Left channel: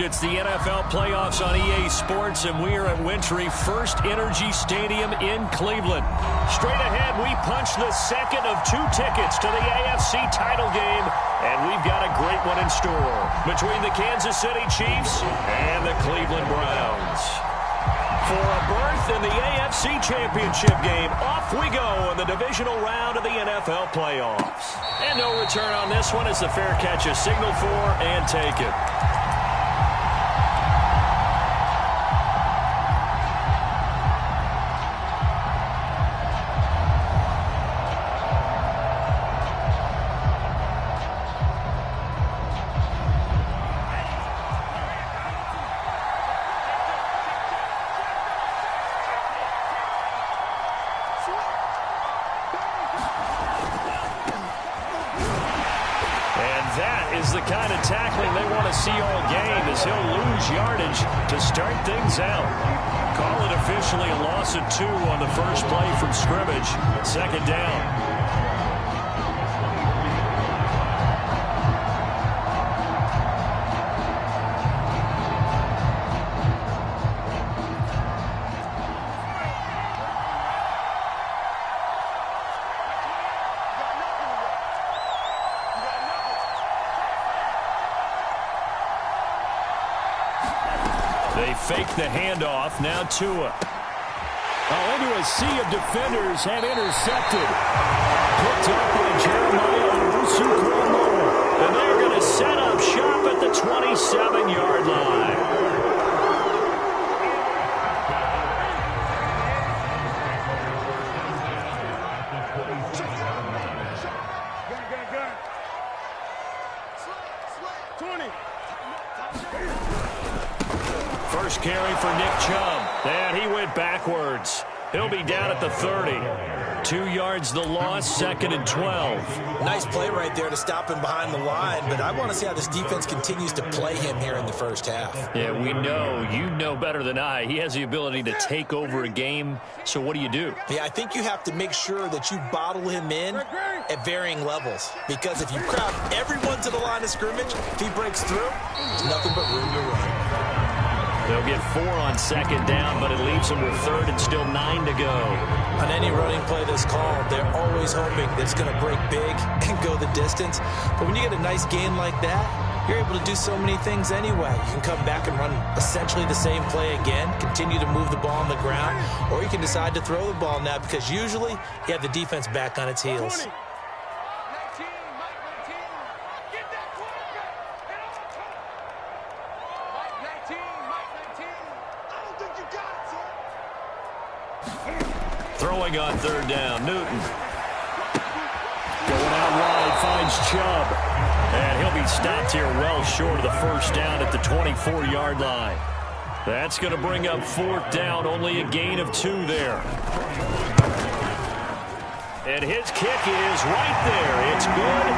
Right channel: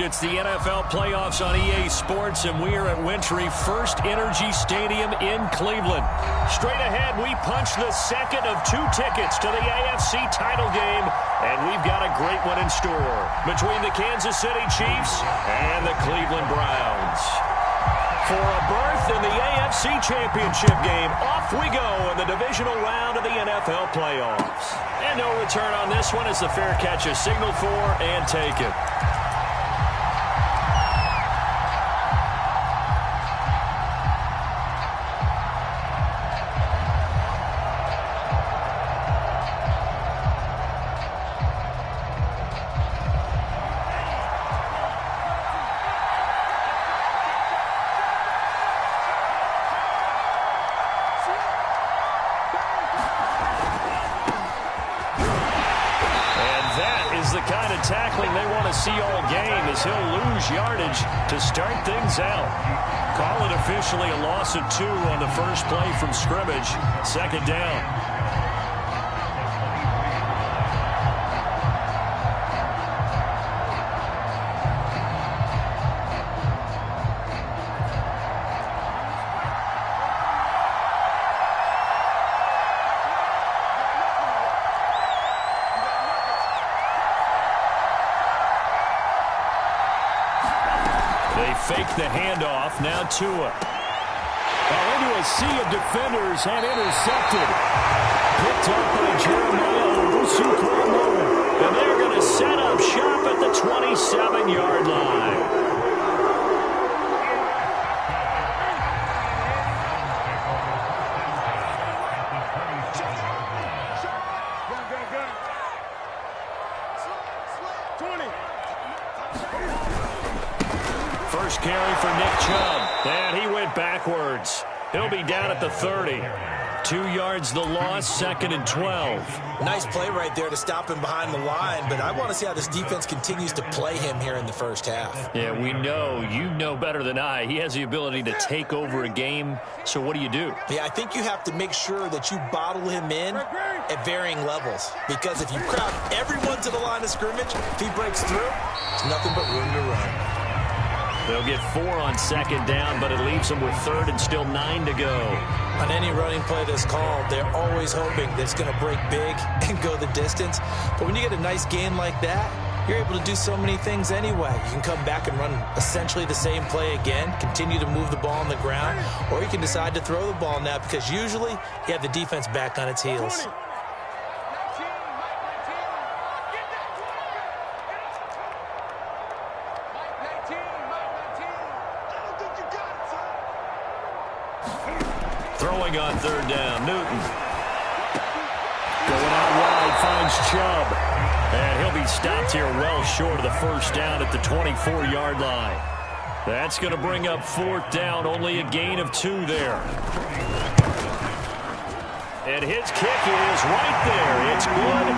It's the NFL playoffs on EA Sports, and we are at Wintry First Energy Stadium in Cleveland. Straight ahead, we punch the second of 2 tickets to the AFC title game, and we've got a great one in store between the Kansas City Chiefs and the Cleveland Browns. For a berth in the AFC Championship game, off we go in the divisional round of the NFL playoffs. And no return on this one as the fair catch is signaled for and taken. The kind of tackling they want to see all game as he'll lose yardage to start things out. Call it officially a loss of 2 on the first play from scrimmage. Second down. They fake the handoff. Now Tua. Into a sea of defenders and intercepted. Picked up by Jeremiah Owusu-Koramoah. And they're going to set up shop at the 27-yard line. First carry for Nick Chubb. And he went backwards. He'll be down at the 30. 2 yards the loss, 2nd and 12. Nice play right there to stop him behind the line, but I want to see how this defense continues to play him here in the first half. Yeah, we know. You know better than I. He has the ability to take over a game, so what do you do? Yeah, I think you have to make sure that you bottle him in at varying levels, because if you crowd everyone to the line of scrimmage, if he breaks through, there's nothing but room to run. They'll get 4 on 2nd down, but it leaves them with 3rd and still 9 to go. On any running play that's called, they're always hoping that it's going to break big and go the distance. But when you get a nice game like that, you're able to do so many things anyway. You can come back and run essentially the same play again, continue to move the ball on the ground, or you can decide to throw the ball now because usually you have the defense back on its heels. Throwing on 3rd down, Newton. Going out wide, finds Chubb. And he'll be stopped here well short of the first down at the 24-yard line. That's going to bring up 4th down, only a gain of 2 there. And his kick is right there. It's good.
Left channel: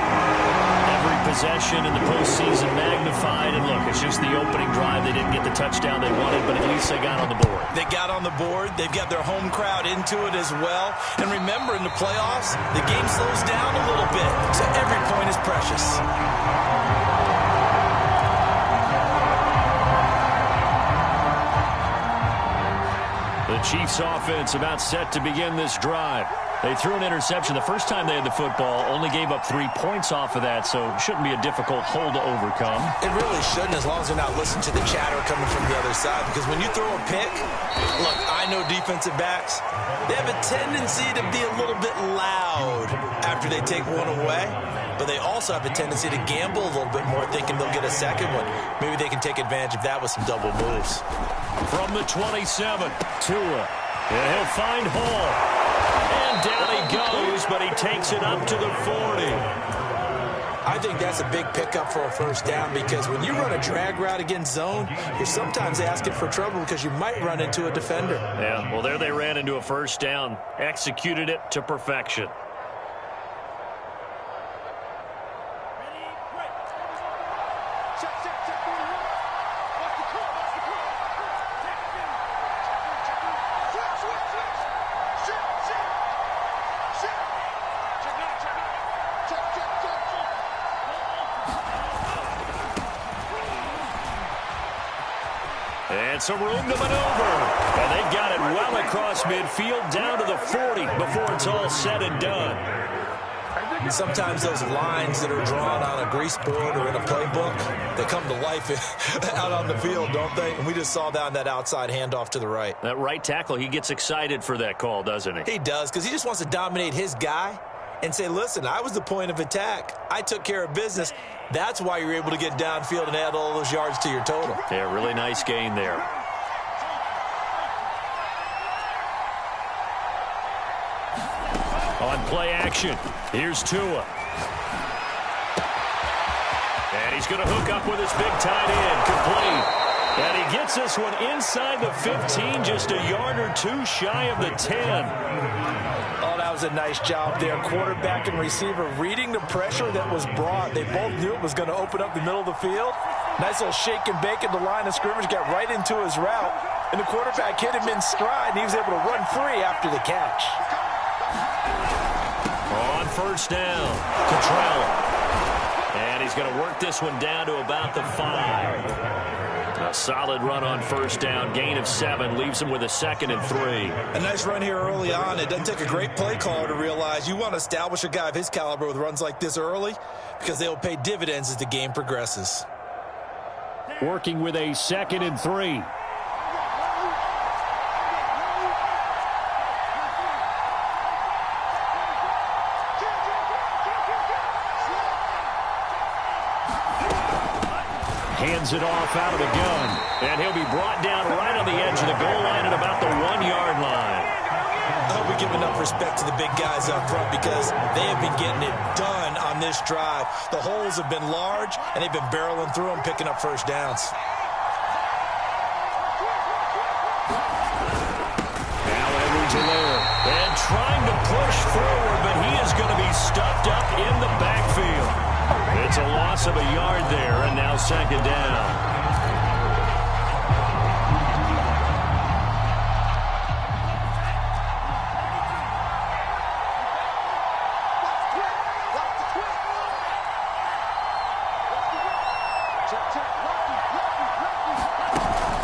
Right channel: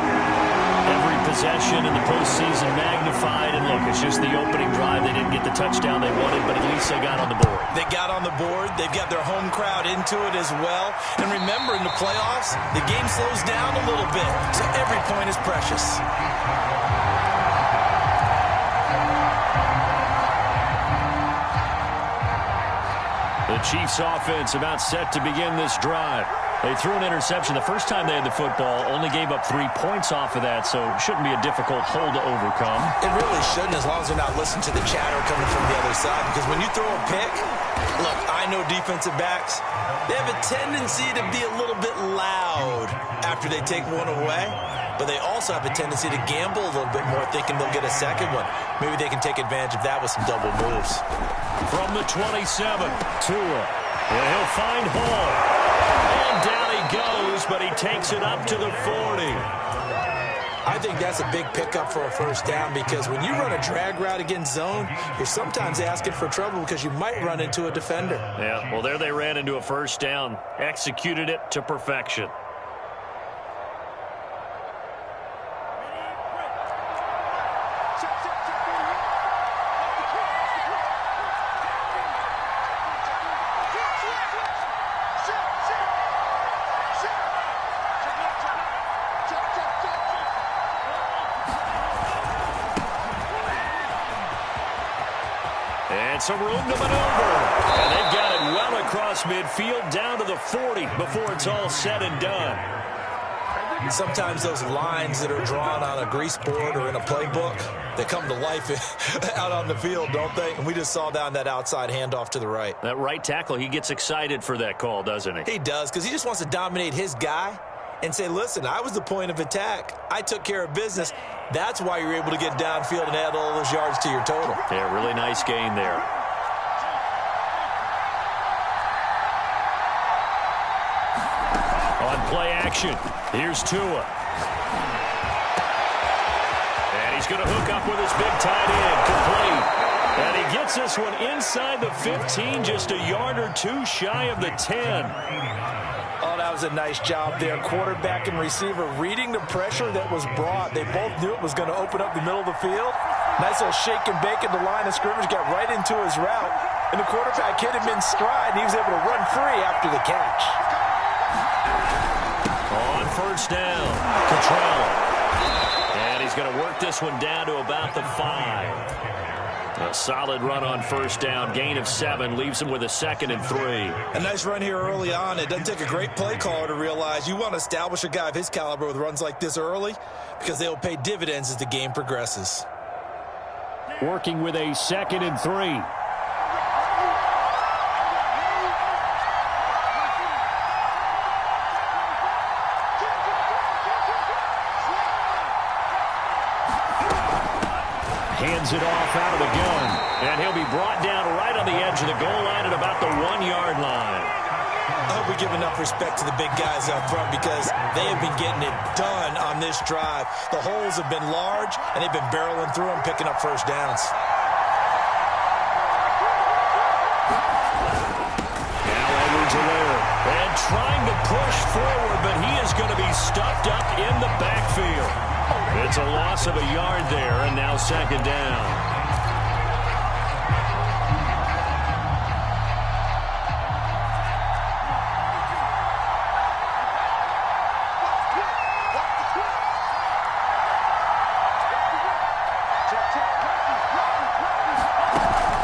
Every possession in the postseason magnified. And look, it's just the opening drive. They didn't get the touchdown they wanted, but at least they got on the board. They got on the board. They've got their home crowd into it as well. And remember, in the playoffs, the game slows down a little bit. So every point is precious. The Chiefs offense about set to begin this drive. They threw an interception the first time they had the football, only gave up 3 points off of that, so shouldn't be a difficult hole to overcome. It really shouldn't, as long as they're not listening to the chatter coming from the other side, because when you throw a pick, look, I know defensive backs, they have a tendency to be a little bit loud after they take one away, but they also have a tendency to gamble a little bit more, thinking they'll get a second one. Maybe they can take advantage of that with some double moves. From the 27, Tua, and he'll find Hall. And down he goes, but he takes it up to the 40. I think that's a big pickup for a first down, because when you run a drag route against zone, you're sometimes asking for trouble because you might run into a defender. Yeah, well, there they ran into a first down, executed it to perfection. And some room to maneuver. And they've got it well across midfield down to the 40 before it's all said and done. Sometimes those lines that are drawn on a grease board or in a playbook, they come to life out on the field, don't they? And we just saw that on that outside handoff to the right. That right tackle, he gets excited for that call, doesn't he? He does, because he just wants to dominate his guy and say, listen, I was the point of attack. I took care of business. That's why you're able to get downfield and add all those yards to your total. Yeah, really nice gain there. On play action, here's Tua. And he's going to hook up with his big tight end, complete. And he gets this one inside the 15, just a yard or two shy of the 10. Oh, that was a nice job there. Quarterback and receiver reading the pressure that was brought. They both knew it was going to open up the middle of the field. Nice little shake and bake at the line of scrimmage, got right into his route. And the quarterback hit him in stride, and he was able to run free after the catch. On first down, Cottrell. And he's going to work this one down to about the 5. A solid run on first down, gain of 7, leaves him with a 2nd and 3. A nice run here early on. It doesn't take a great play caller to realize you want to establish a guy of his caliber with runs like this early because they will pay dividends as the game progresses. Working with a 2nd and 3. Hands it off out of the gun. And he'll be brought down right on the edge of the goal line at about the 1-yard line. I hope we give enough respect to the big guys up front because they have been getting it done on this drive. The holes have been large, and they've been barreling through them, picking up first downs. Now Edwards-Helaire. And trying to push forward, but he is going to be stuffed up in the backfield. It's a loss of a yard there, and now 2nd down.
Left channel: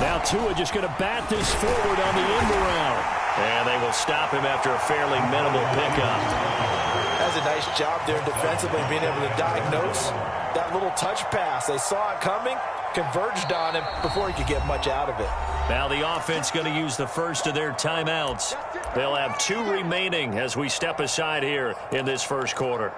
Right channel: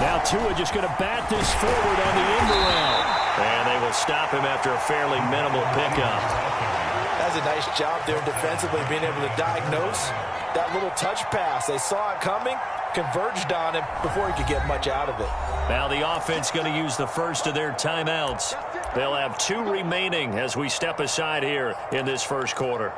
Now Tua just going to bat this forward on the end around. And they will stop him after a fairly minimal pickup. That's a nice job there defensively, being able to diagnose that little touch pass. They saw it coming, converged on him before he could get much out of it. Now the offense going to use the first of their timeouts. They'll have 2 remaining as we step aside here in this first quarter.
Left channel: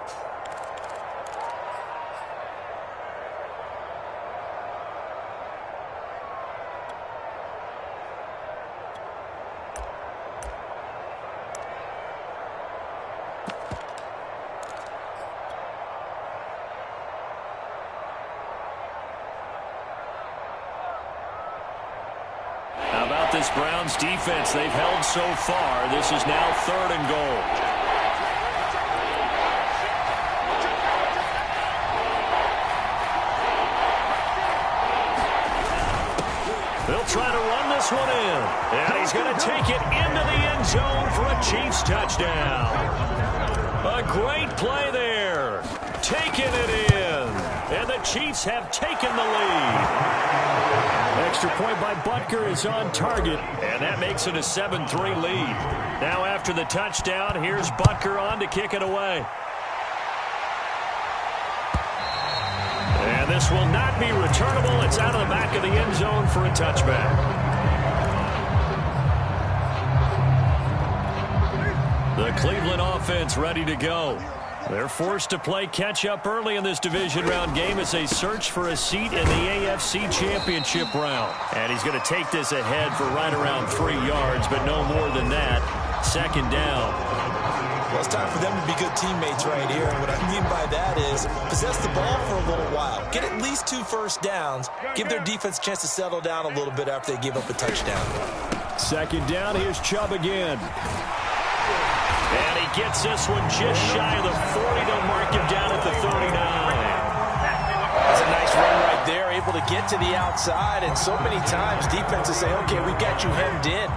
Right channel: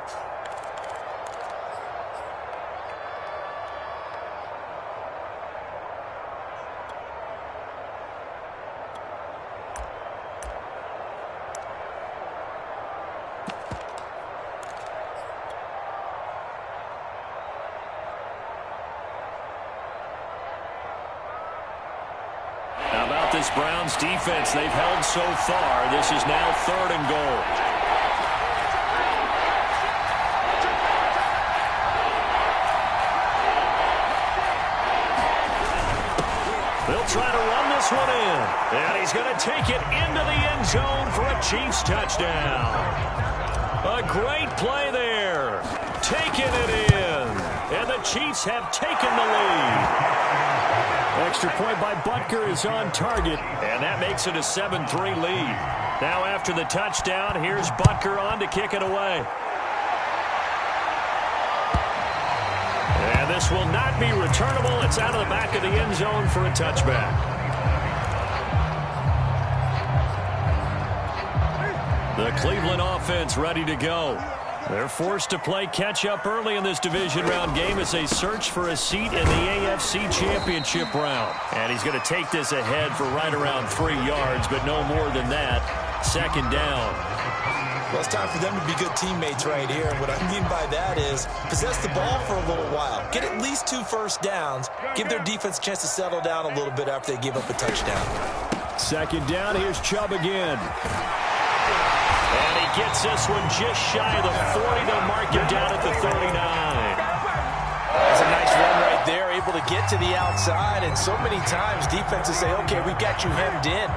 How about this Browns defense they've held so far? This is now 3rd and goal. They'll try to run this one in. And he's going to take it into the end zone for a Chiefs touchdown. A great play there. Taking it in. And the Chiefs have taken the lead. Extra point by Butker is on target, and that makes it a 7-3 lead. Now after the touchdown, here's Butker on to kick it away. And this will not be returnable. It's out of the back of the end zone for a touchback. The Cleveland offense ready to go. They're forced to play catch-up early in this division round game as they search for a seat in the AFC Championship round. And he's going to take this ahead for right around 3 yards, but no more than that. 2nd down. Well, it's time for them to be good teammates right here. And what I mean by that is possess the ball for a little while. Get at least 2 first downs. Give their defense a chance to settle down a little bit after they give up a touchdown. 2nd down. Here's Chubb again. And he gets this one just shy of the 40. They'll mark him down at the 39. That's a nice run right there, able to get to the outside. And so many times defenses say, okay, we've got you hemmed in.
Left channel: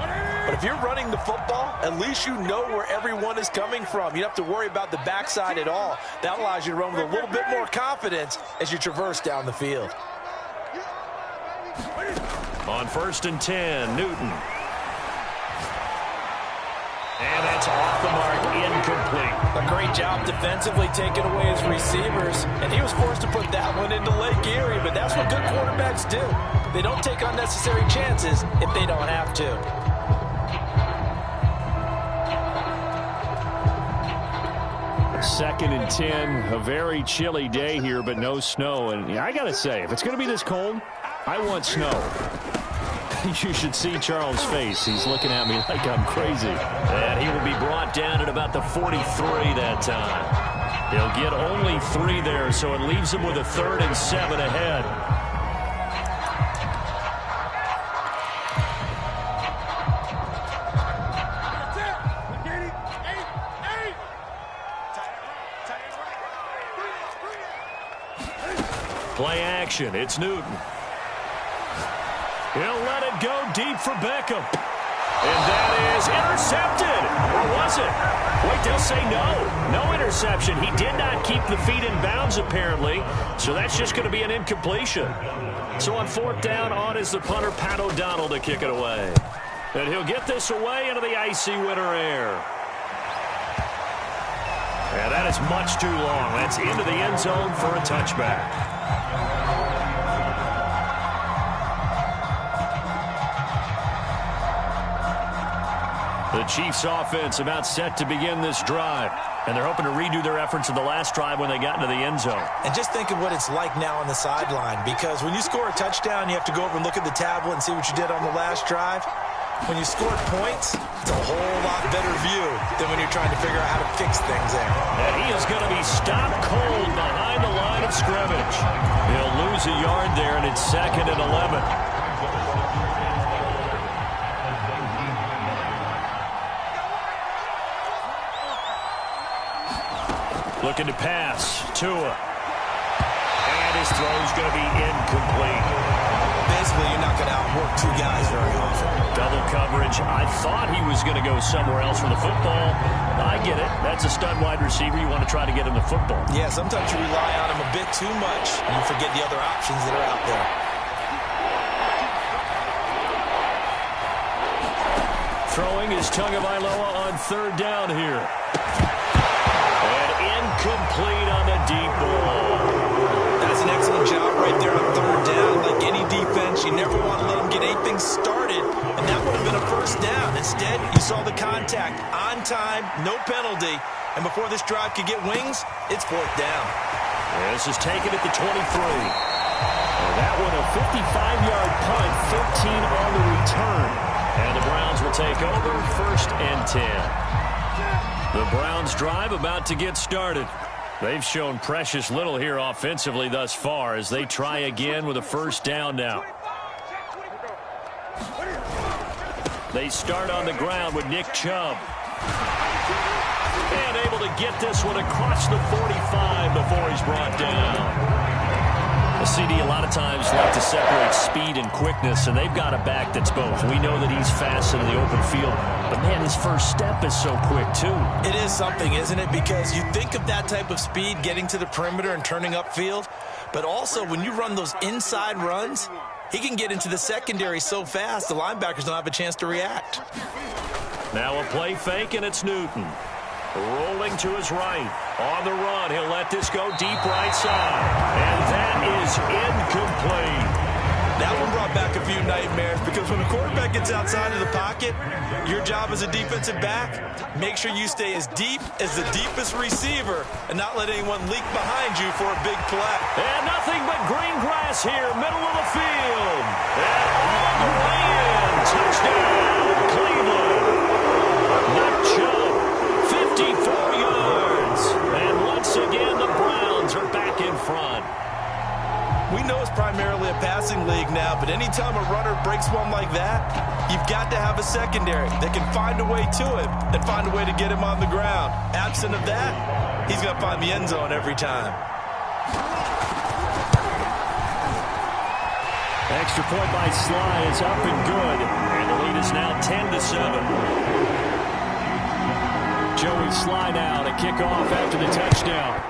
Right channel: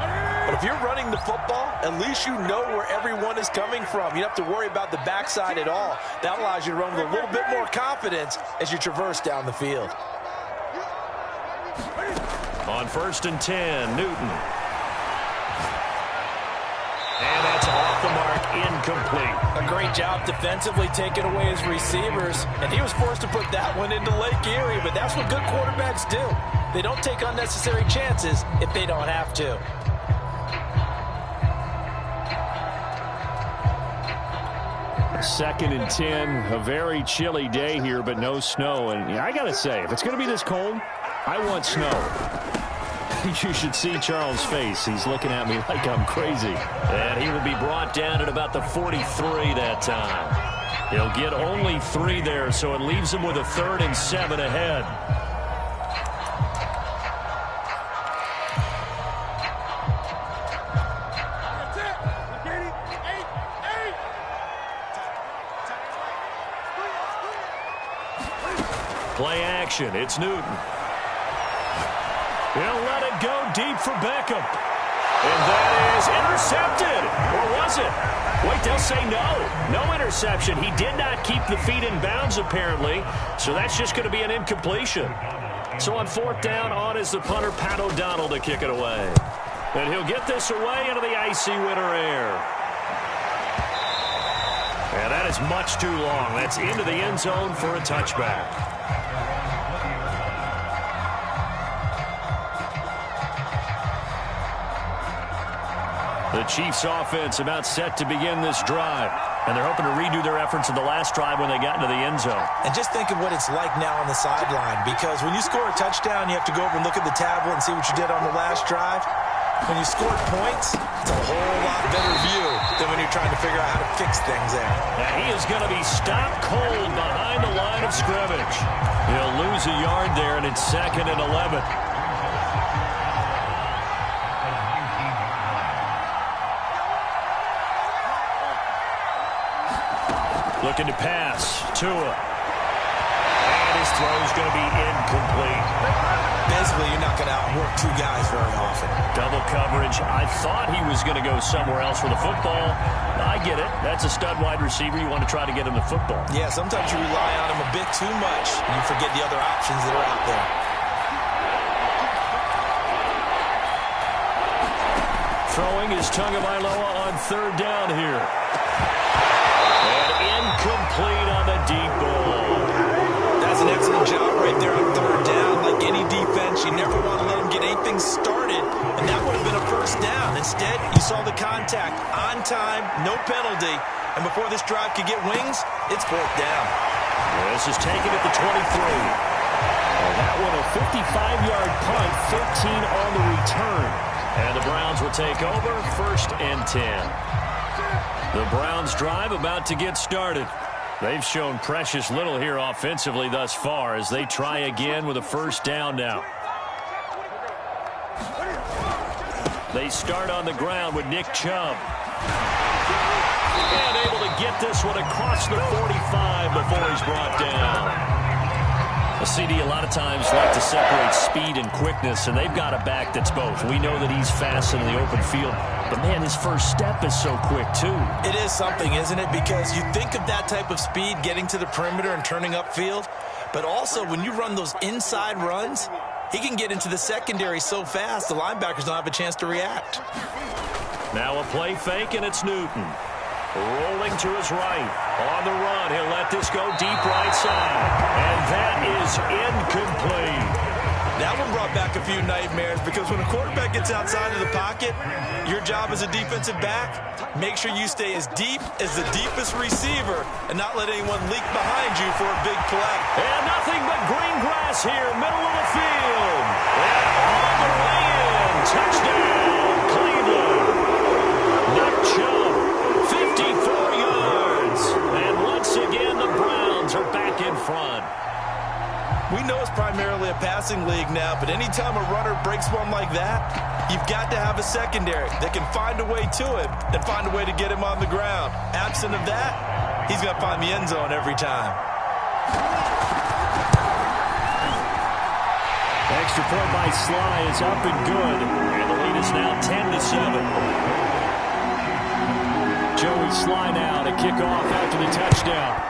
But if you're running the football, at least you know where everyone is coming from. You don't have to worry about the backside at all. That allows you to run with a little bit more confidence as you traverse down the field. On 1st and 10, Newton. And that's off the mark, incomplete. A great job defensively taking away his receivers, and he was forced to put that one into Lake Erie, but that's what good quarterbacks do. They don't take unnecessary chances if they don't have to. Second and 10, a very chilly day here, but no snow. And I got to say, if it's going to be this cold, I want snow. You should see Charles' face. He's looking at me like I'm crazy. And he will be brought down at about the 43 that time. He'll get only 3 there, so it leaves him with a 3rd and 7 ahead. Play action. It's Newton. He'll let it go deep for Beckham. And that is intercepted. Or was it? Wait, they'll say no. No interception. He did not keep the feet in bounds, apparently. So that's just going to be an incompletion. So on 4th down, on is the punter, Pat O'Donnell, to kick it away. And he'll get this away into the icy winter air. And that is much too long. That's into the end zone for a touchback. The Chiefs offense about set to begin this drive. And they're hoping to redo their efforts of the last drive when they got into the end zone. And just think of what it's like now on the sideline, because when you score a touchdown, you have to go over and look at the tablet and see what you did on the last drive. When you scored points, it's a whole lot better view than when you're trying to figure out how to fix things there. And he is going to be stopped cold behind the line of scrimmage. He'll lose a yard there, and it's 2nd and 11. Looking to pass. Tua. And his throw's going to be incomplete. Basically, you're not going to outwork 2 guys very often. Double coverage. I thought he was going to go somewhere else for the football. I get it. That's a stud wide receiver. You want to try to get him the football. Yeah, sometimes you rely on him a bit too much, and you forget the other options that are out there. Throwing is Tagovailoa on 3rd down here. And incomplete on the deep ball. That's an excellent job right there on 3rd down. Like any defense, you never want to let them get anything started, and that would have been a 1st down. Instead, you saw the contact on time, no penalty, and before this drive could get wings, it's 4th down. This is taken at the 23. Well, that one a 55-yard punt, 13 on the return. And the Browns will take over, 1st and 10. The Browns drive about to get started. They've shown precious little here offensively thus far as they try again with a 1st down now. They start on the ground with Nick Chubb. And able to get this one across the 45 before he's brought down. The CD a lot of times like to separate speed and quickness, and they've got a back that's both. We know that he's fast in the open field, but man, his first step is so quick too. It is something, isn't it? Because you think of that type of speed getting to the perimeter and turning upfield, but also when you run those inside runs, he can get into the secondary so fast the linebackers don't have a chance to react. Now a play fake, and it's Newton. Rolling to his right. On the run, he'll let this go deep right side. And that is incomplete. That one brought back a few nightmares, because when a quarterback gets outside of the pocket, your job as a defensive back, make sure you stay as deep as the deepest receiver and not let anyone leak behind you for a big play. And nothing but green grass here, middle of the field. And all the way in. Touchdown, Cleveland. Nick Chubb, 54 yards. And once again, the Browns are back in front. We know it's primarily a passing league now, but anytime a runner breaks one like that, you've got to have a secondary that can find a way to him and find a way to get him on the ground. Absent of that, he's going to find the end zone every time. Extra point by Sly is up and good, and the lead is now 10-7. Joey Sly now to kick off after the touchdown.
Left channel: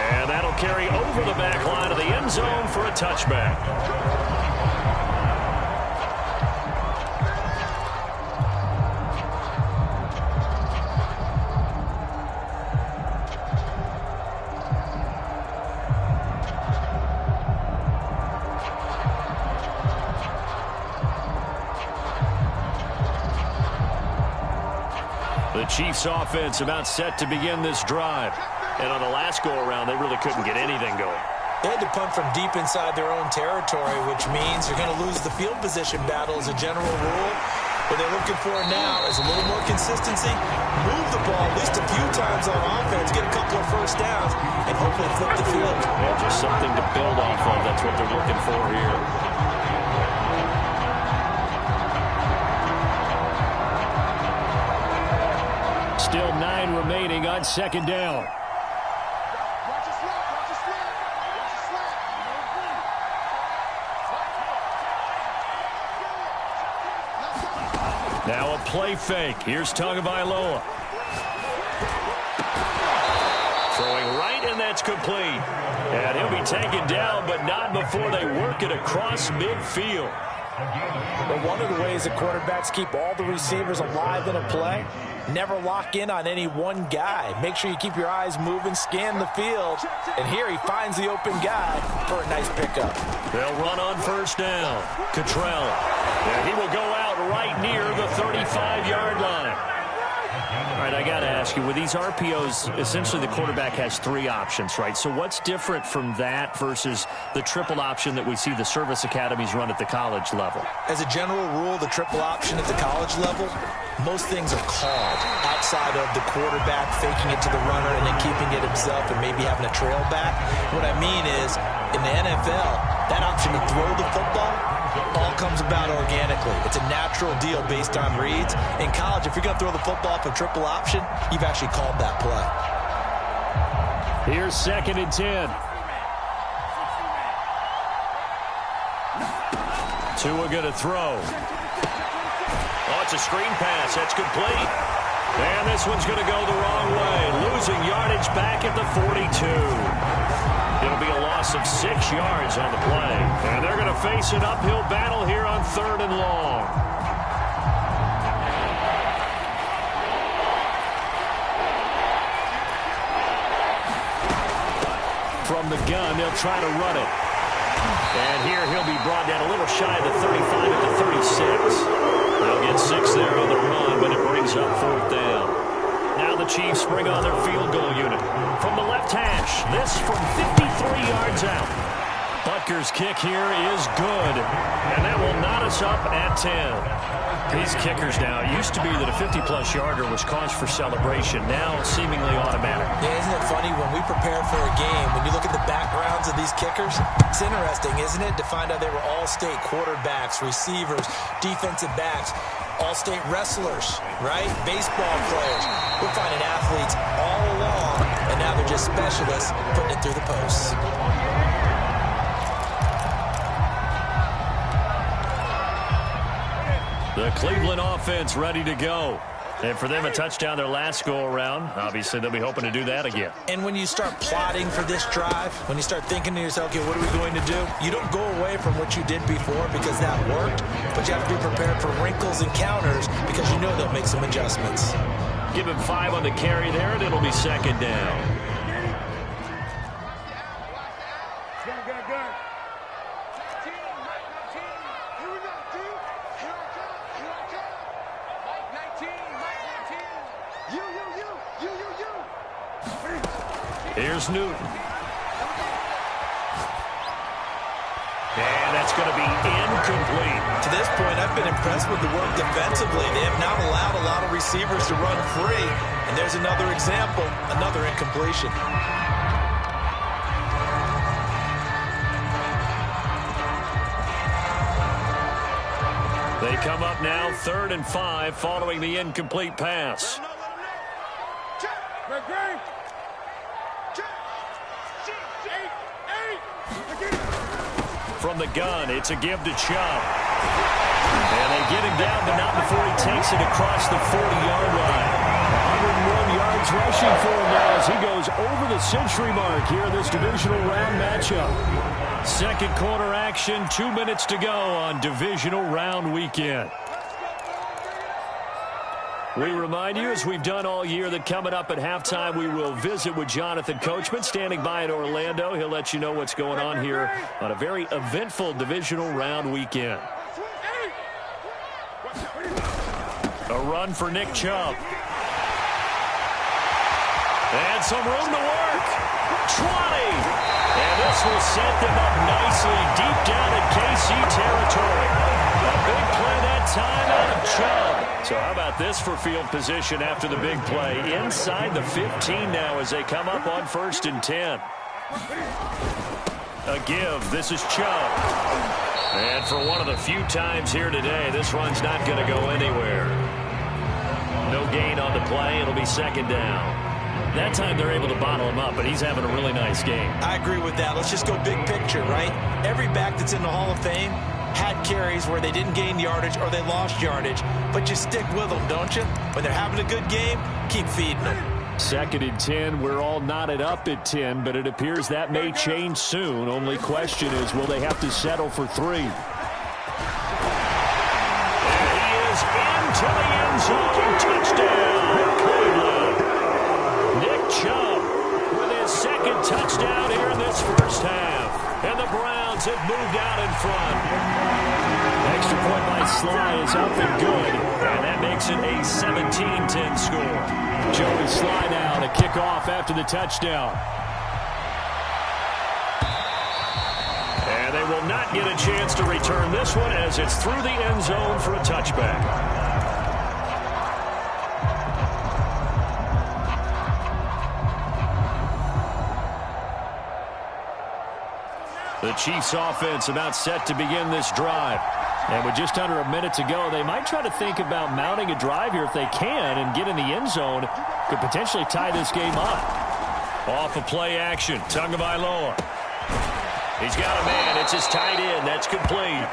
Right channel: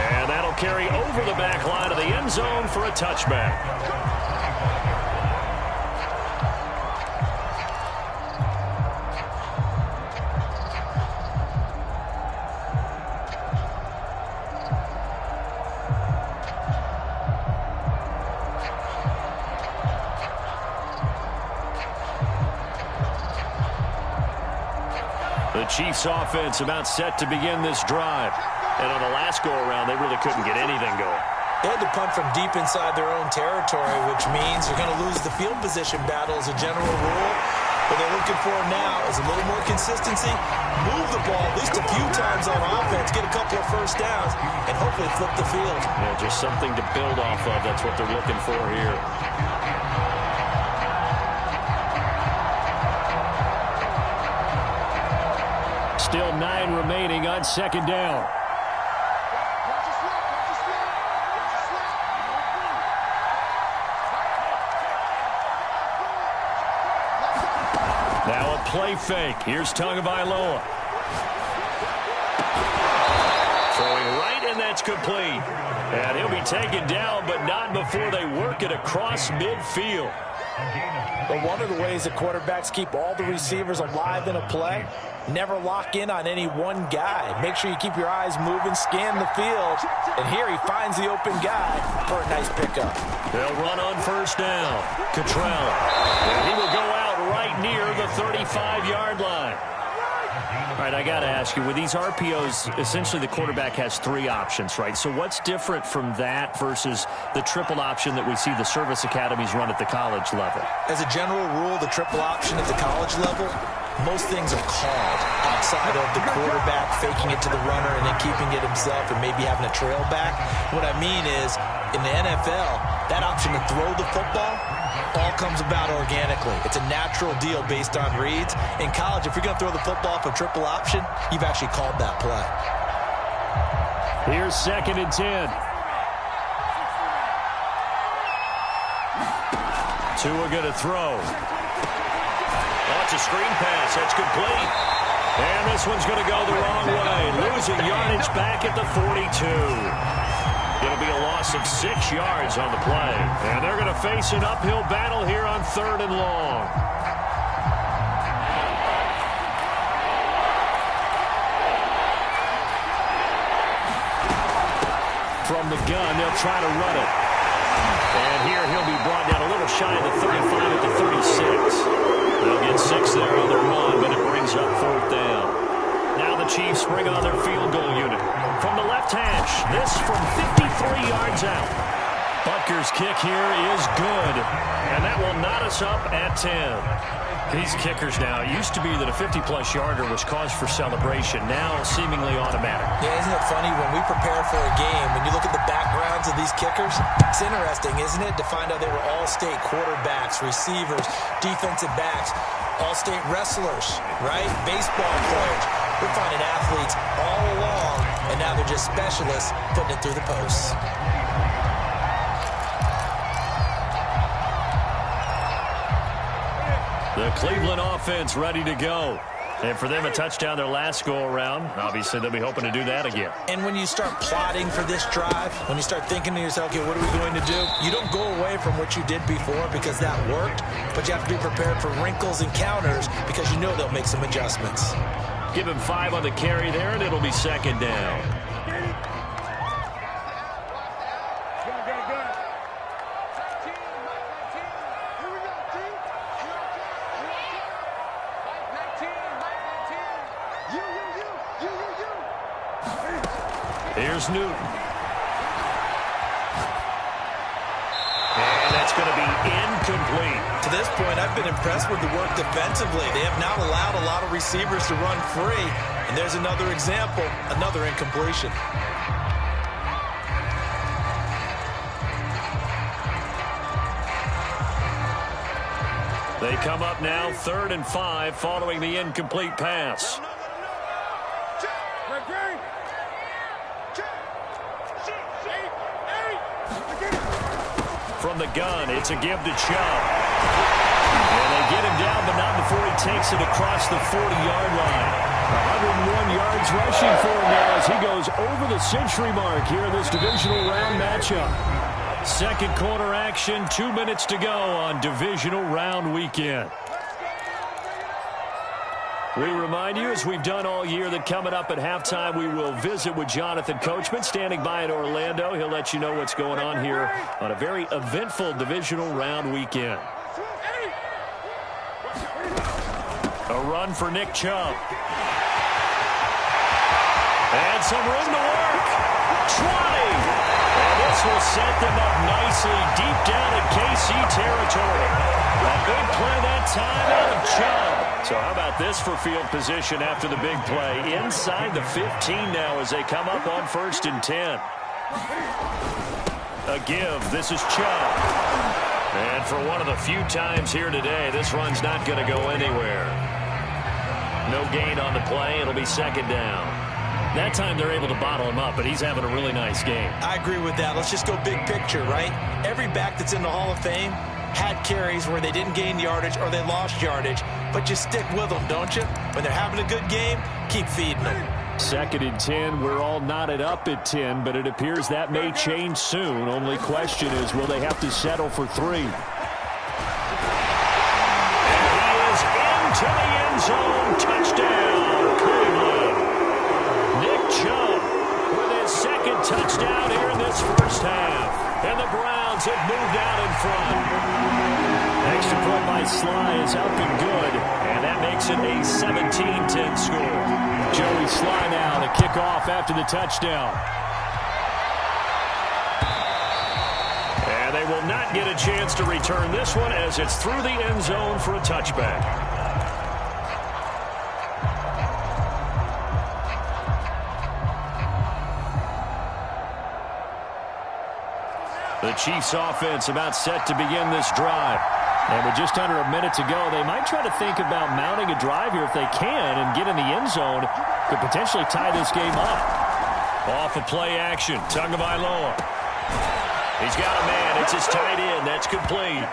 And That'll carry over the back line of the end zone for a touchback. The Chiefs offense about set to begin this drive. And on the last go-around, they really couldn't get anything going. They had to punt from deep inside their own territory, which means they're going to lose the field position battle as a general rule. What they're looking for now is a little more consistency, move the ball at least a few times on offense, get a couple of first downs, and hopefully flip the field. Yeah, just something to build off of. That's what they're looking for here. Still 9 remaining on second down. Now a play fake. Here's Tagovailoa. Throwing right, and that's complete. And he'll be taken down, but not before they work it across midfield. But one of the ways that quarterbacks keep all the receivers alive in a play, never lock in on any one guy. Make sure you keep your eyes moving, scan the field. And here he finds the open guy for a nice pickup. They'll run on first down. Cottrell. And he will go out right near the 35-yard line. All right, I got to ask you, with these RPOs, essentially the quarterback has 3 options, right? So what's different from that versus the triple option that we see the service academies run at the college level? As a general rule, the triple option at the college level, most things are called outside of the quarterback faking it to the runner and then keeping it himself and maybe having a trail back. What I mean is, in the NFL, that option to throw the football all comes about organically. It's a natural deal based on reads. In college, if you're going to throw the football for triple option, you've actually called that play. Here's 2nd and 10. Tua going to throw. Oh, it's a screen pass. That's complete. And this one's going to go the wrong way. Losing yardage back at the 42. It'll be a loss of 6 yards on the play. And they're going to face an uphill battle here on 3rd and long. From the gun, they'll try to run it. And here he'll be brought down a little shy of the 35 at the 36. They'll get 6 there on the run, but it brings up 4th down. Now the Chiefs bring on their field goal unit. From the left hash, this from 53 yards out. Butker's kick here is good, and that will knot us up at 10. These kickers now, it used to be that a 50-plus yarder was cause for celebration, now seemingly automatic. Yeah, isn't it funny when we prepare for a game, when you look at the backgrounds of these kickers, it's interesting, isn't it, to find out they were all-state quarterbacks, receivers, defensive backs, all-state wrestlers, right? Baseball players. We're finding athletes all along, and now they're just specialists putting it through the posts. The Cleveland offense ready to go. And for them, a touchdown their last go-around. Obviously, they'll be hoping to do that again. And when you start plotting for this drive, when you start thinking to yourself, okay, what are we going to do? You don't go away from what you did before because that worked, but you have to be prepared for wrinkles and counters because you know they'll make some adjustments. Give him 5 on the carry there, and it'll be 2nd down. Here's Newton. And that's going to be incomplete. To this point, I've been impressed with the work defensively. They have not allowed a lot of receivers to run free. And there's another example, another incompletion. They come up now 3rd and 5 following the incomplete pass. From the gun, it's a give to Chubb. And they get him down, but not before he takes it across the 40-yard line. 101 yards rushing for him now as he goes over the century mark here in this divisional round matchup. Second quarter action, 2 minutes to go on divisional round weekend. We remind you, as we've done all year, that coming up at halftime, we will visit with Jonathan Coachman, standing by in Orlando. He'll let you know what's going on here on a very eventful divisional round weekend. A run for Nick Chubb. And some room to work. 20. And this will set them up nicely deep down in KC territory. A big play that time out of Chubb. So how about this for field position after the big play? Inside the 15 now as they come up on 1st and 10. A give. This is Chubb. And for one of the few times here today, this run's not going to go anywhere. No gain on the play. It'll be 2nd down. That time they're able to bottle him up, but he's having a really nice game. I agree with that. Let's just go big picture, right? Every back that's in the Hall of Fame had carries where they didn't gain yardage or they lost yardage, but you stick with them, don't you? When they're having a good game, keep feeding them. 2nd and 10. We're all knotted up at 10, but it appears that may change soon. Only question is, will they have to settle for 3? And he is into the end zone. Touchdown, Cleveland. Nick Chubb with his 2nd touchdown here in this first half. And the Browns have moved out in front. Extra point by Sly is up and good. And that makes it a 17-10 score. Joey Sly now to kick off after the touchdown. And they will not get a chance to return this one as it's through the end zone for a touchback. The Chiefs offense about set to begin this drive. And with just under a minute to go, they might try to think about mounting a drive here if they can and get in the end zone. Could potentially tie this game up. Off of play action, Tagovailoa. He's got a man. It's his tight end. That's complete.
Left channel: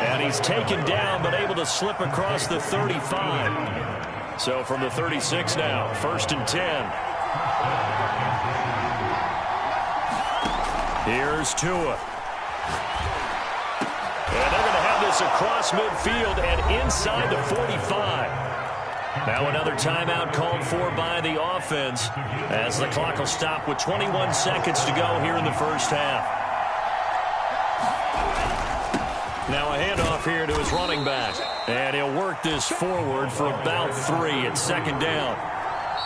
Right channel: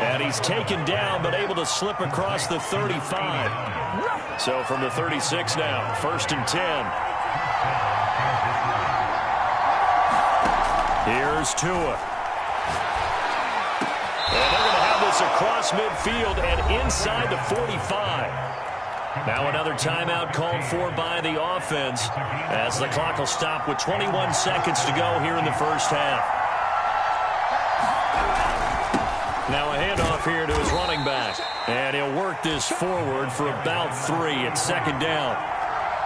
And he's taken down but able to slip across the 35. So from the 36 now, 1st and 10. Here's Tua. And they're going to have this across midfield and inside the 45. Now another timeout called for by the offense as the clock will stop with 21 seconds to go here in the first half. Now a handoff here to his running back. And he'll work this forward for about 3 at 2nd down.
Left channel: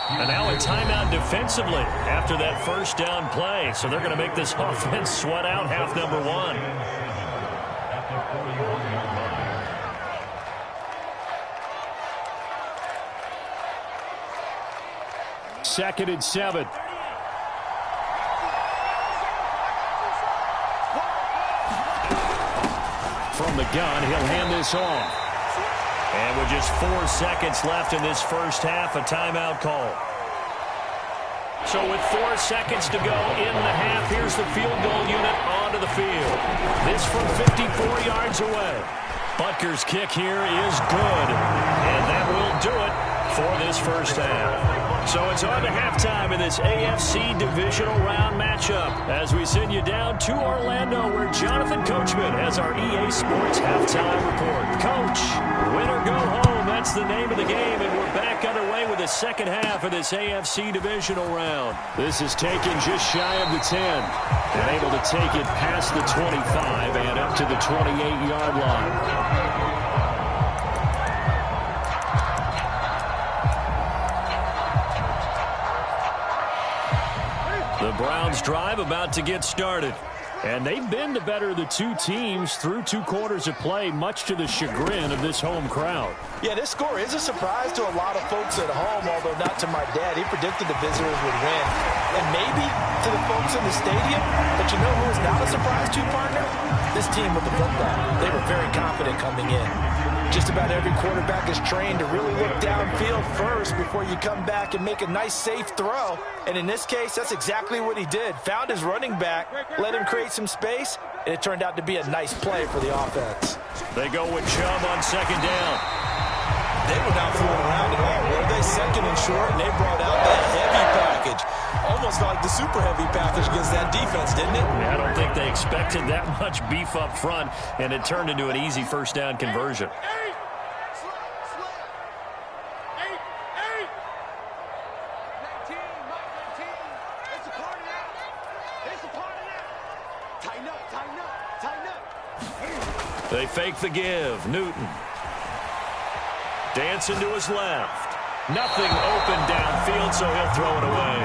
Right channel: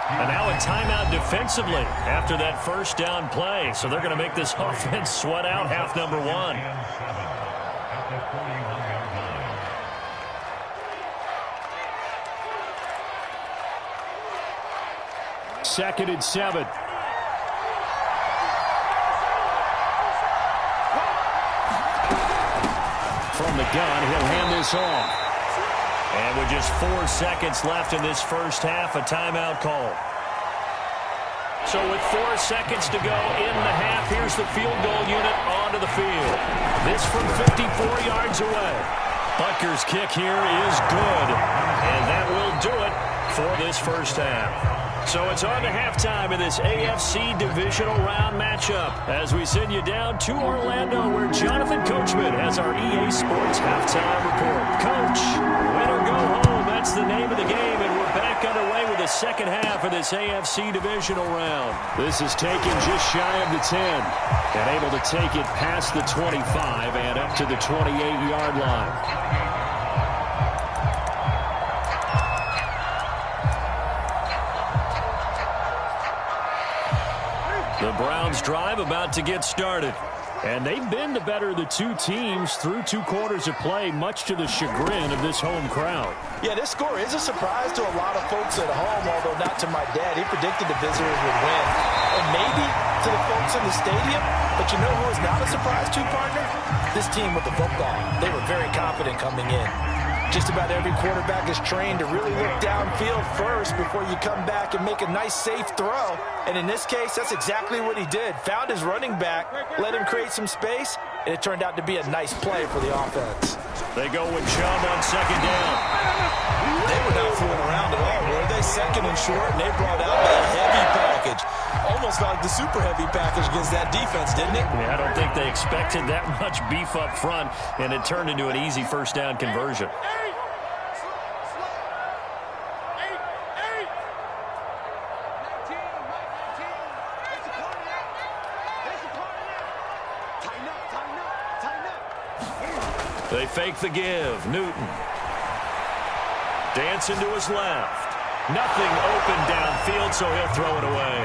And now a timeout defensively after that first down play. So they're going to make this offense sweat out half number 1. Second and 7. From the gun, he'll hand this off. And with just 4 seconds left in this first half, a timeout call. So with 4 seconds to go in the half, here's the field goal unit onto the field. This from 54 yards away. Butker's kick here is good. And that will do it for this first half. So it's on to halftime in this AFC Divisional Round matchup as we send you down to Orlando where Jonathan Coachman has our EA Sports Halftime Report. Coach, win or go home, that's the name of the game, and we're back underway with the second half of this AFC Divisional Round. This is taken just shy of the 10 and able to take it past the 25 and up to the 28-yard line. The Browns drive about to get started. And they've been the better of the two teams through 2 quarters of play, much to the chagrin of this home crowd. Yeah, this score is a surprise to a lot of folks at home, although not to my dad. He predicted the visitors would win. And maybe to the folks in the stadium. But you know who is not a surprise to, partner? This team with the football. They were very confident coming in. Just about every quarterback is trained to really look downfield first before you come back and make a nice, safe throw. And in this case, that's exactly what he did. Found his running back, let him create some space, and it turned out to be a nice play for the offense. They go with Chubb on 2nd down. They were not fooling around at all, were they? Second and short, and they brought out that heavy package. Almost like the super heavy package against that defense, didn't it? Yeah, I don't think they expected that much beef up front, and it turned into an easy first down conversion. They fake the give. Newton. Dancing to his left. Nothing open downfield, so he'll throw it away.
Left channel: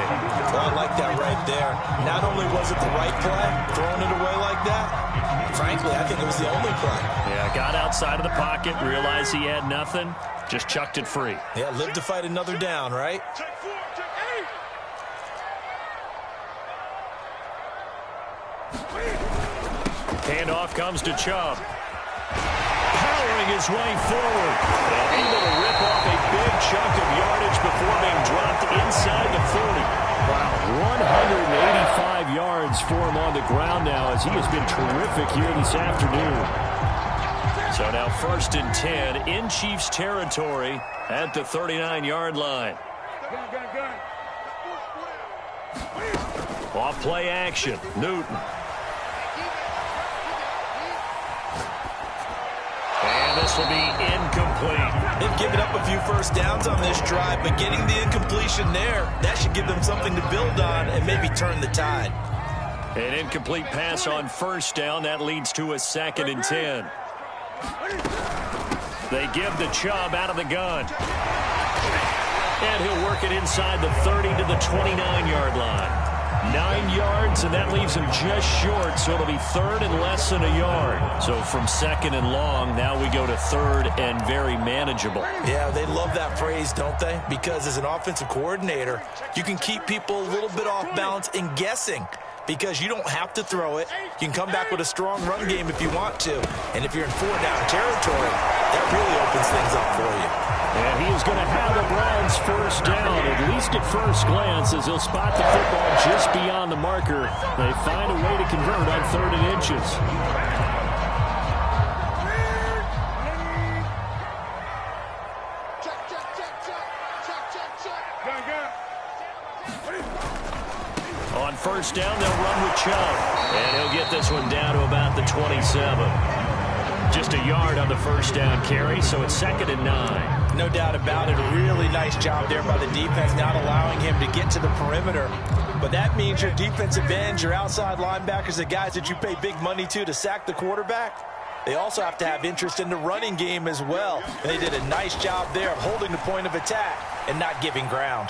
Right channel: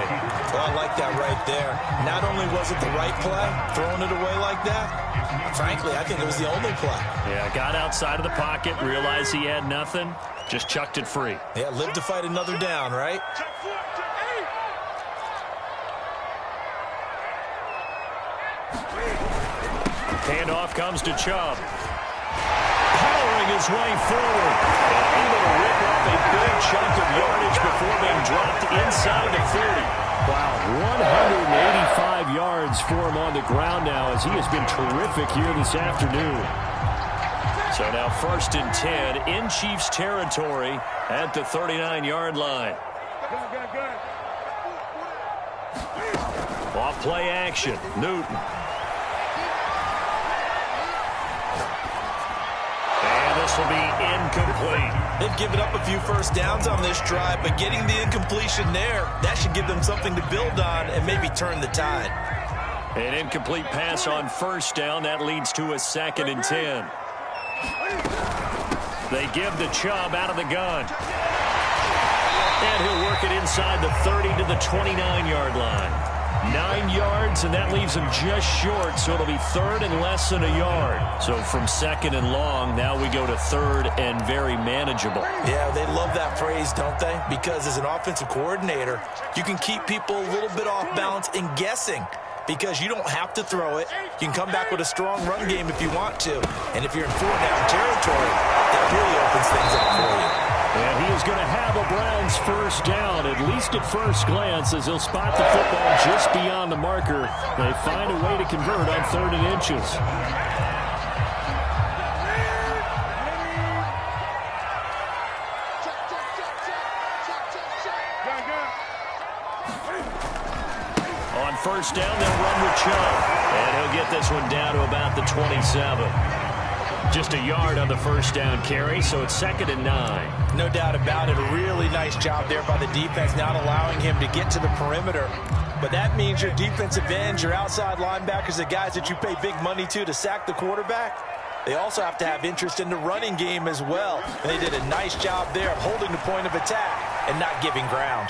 Well, I like that right there. Not only was it the right play, throwing it away like that, frankly, I think it was the only play. Yeah, got outside of the pocket, realized he had nothing, just chucked it free. Yeah, lived to fight another down, right? Handoff comes to Chubb. Powering his way forward and able to rip off a big chunk of yardage before being dropped inside the 40. Wow, 185 yards for him on the ground now as he has been terrific here this afternoon. So now 1st and 10 in Chiefs territory at the 39-yard line. Off play action, Newton. And this will be incomplete. They've given up a few first downs on this drive, but getting the incompletion there, that should give them something to build on and maybe turn the tide. An incomplete pass on first down. That leads to a 2nd and 10. They give the Chubb out of the gun. And he'll work it inside the 30 to the 29-yard line. 9 yards, and that leaves him just short, so it'll be 3rd and less than a yard. So from 2nd and long, now we go to 3rd and very manageable. Yeah, they love that phrase, don't they? Because as an offensive coordinator, you can keep people a little bit off balance and guessing because you don't have to throw it. You can come back with a strong run game if you want to. And if you're in 4-down territory, that really opens things up for you. And he is going to have the Browns first down, at least at first glance, as he'll spot the football just beyond the marker. They find a way to convert on 3rd and inches. On first down, they'll run with Chubb. And he'll get this one down to about the 27. Just a yard on the first down carry, so it's 2nd and 9. No doubt about it. A really nice job there by the defense, not allowing him to get to the perimeter. But that means your defensive ends, your outside linebackers, the guys that you pay big money to sack the quarterback, they also have to have interest in the running game as well. And they did a nice job there of holding the point of attack and not giving ground.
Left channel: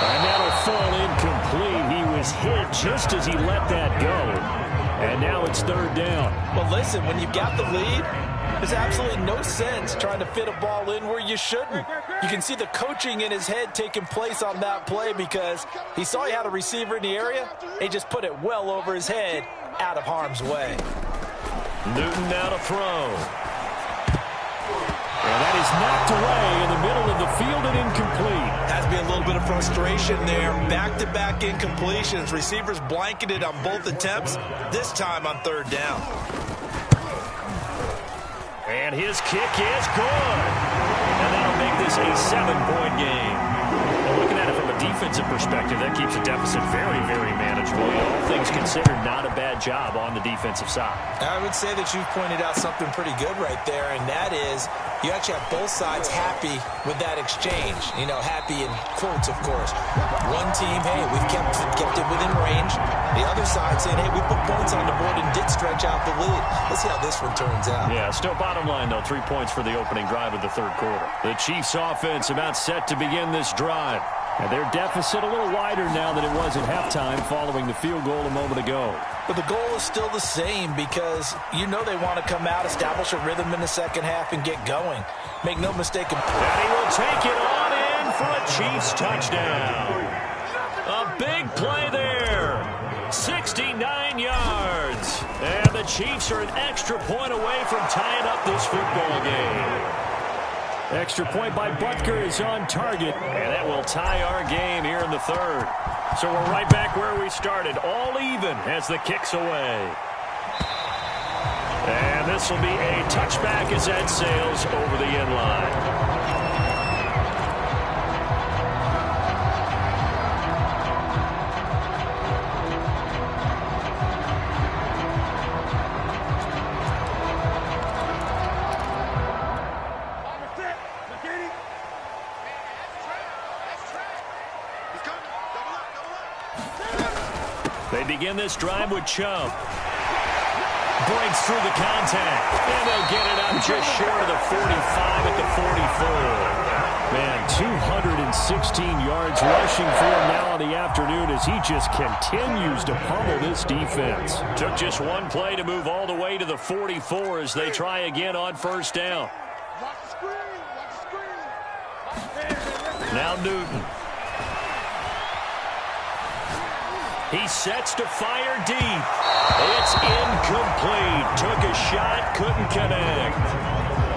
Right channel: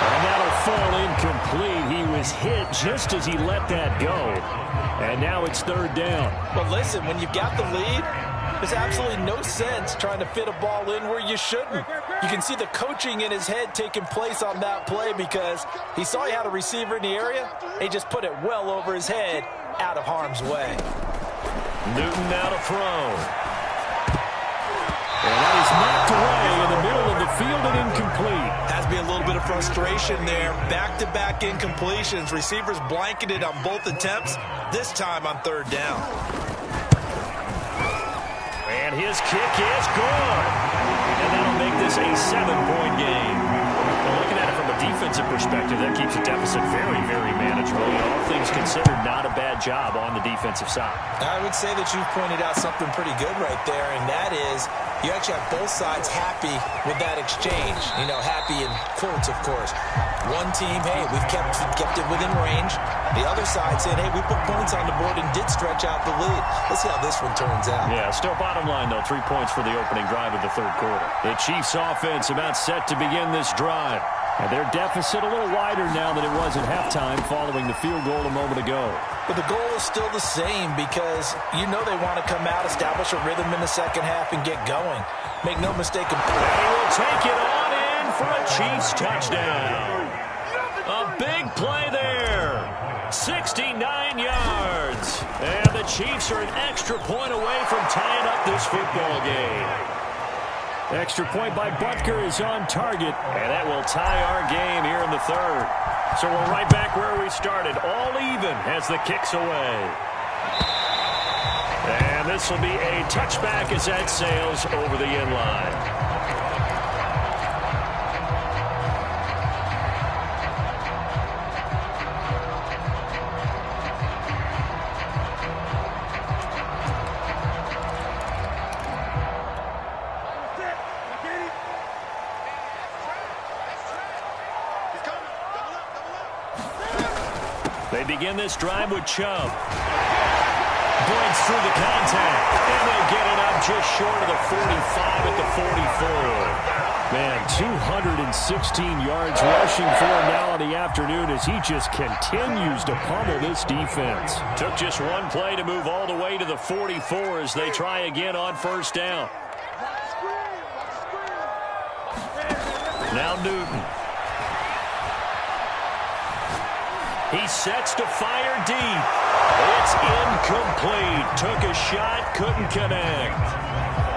And that'll fall incomplete. He was hit just as he let that go. And now it's 3rd down. But listen, when you've got the lead, there's absolutely no sense trying to fit a ball in where you shouldn't. You can see the coaching in his head taking place on that play because he saw he had a receiver in the area. He just put it well over his head out of harm's way. Newton now to throw. And that is knocked away in the middle of the field and incomplete. Has to be a little bit of frustration there. Back-to-back incompletions. Receivers blanketed on both attempts, this time on 3rd down. And his kick is good. And that'll make this a 7-point game. Well, looking at it from a defensive perspective, that keeps the deficit very, very manageable. You know, all things considered, not a bad job on the defensive side. I would say that you've pointed out something pretty good right there, and that is you actually have both sides happy with that exchange. You know, happy in quotes, of course. One team, hey, we've kept it within range. The other side saying, hey, we put points on the board and did stretch out the lead. Let's see how this one turns out. Yeah, still bottom line, though, 3 points for the opening drive of the 3rd quarter. The Chiefs offense about set to begin this drive. And their deficit a little wider now than it was at halftime following the field goal a moment ago. But the goal is still the same because you know they want to come out, establish a rhythm in the second half, and get going. Make no mistake. And he will take it on in for a Chiefs touchdown. A big play there. 69 yards. And the Chiefs are an extra point away from tying up this football game. Extra point by Butker is on target, and that will tie our game here in the 3rd. So we're right back where we started, all even as the kick's away. And And this will be a touchback as that sails over the end line. They begin this drive with Chubb. Breaks through the contact. And they'll get it up just short of the 45 at the 44. Man, 216 yards rushing for him now on the afternoon as he just continues to pummel this defense. Took just one play to move all the way to the 44 as they try again on first down. Now Newton. He sets to fire deep. It's incomplete. Took a shot, couldn't connect.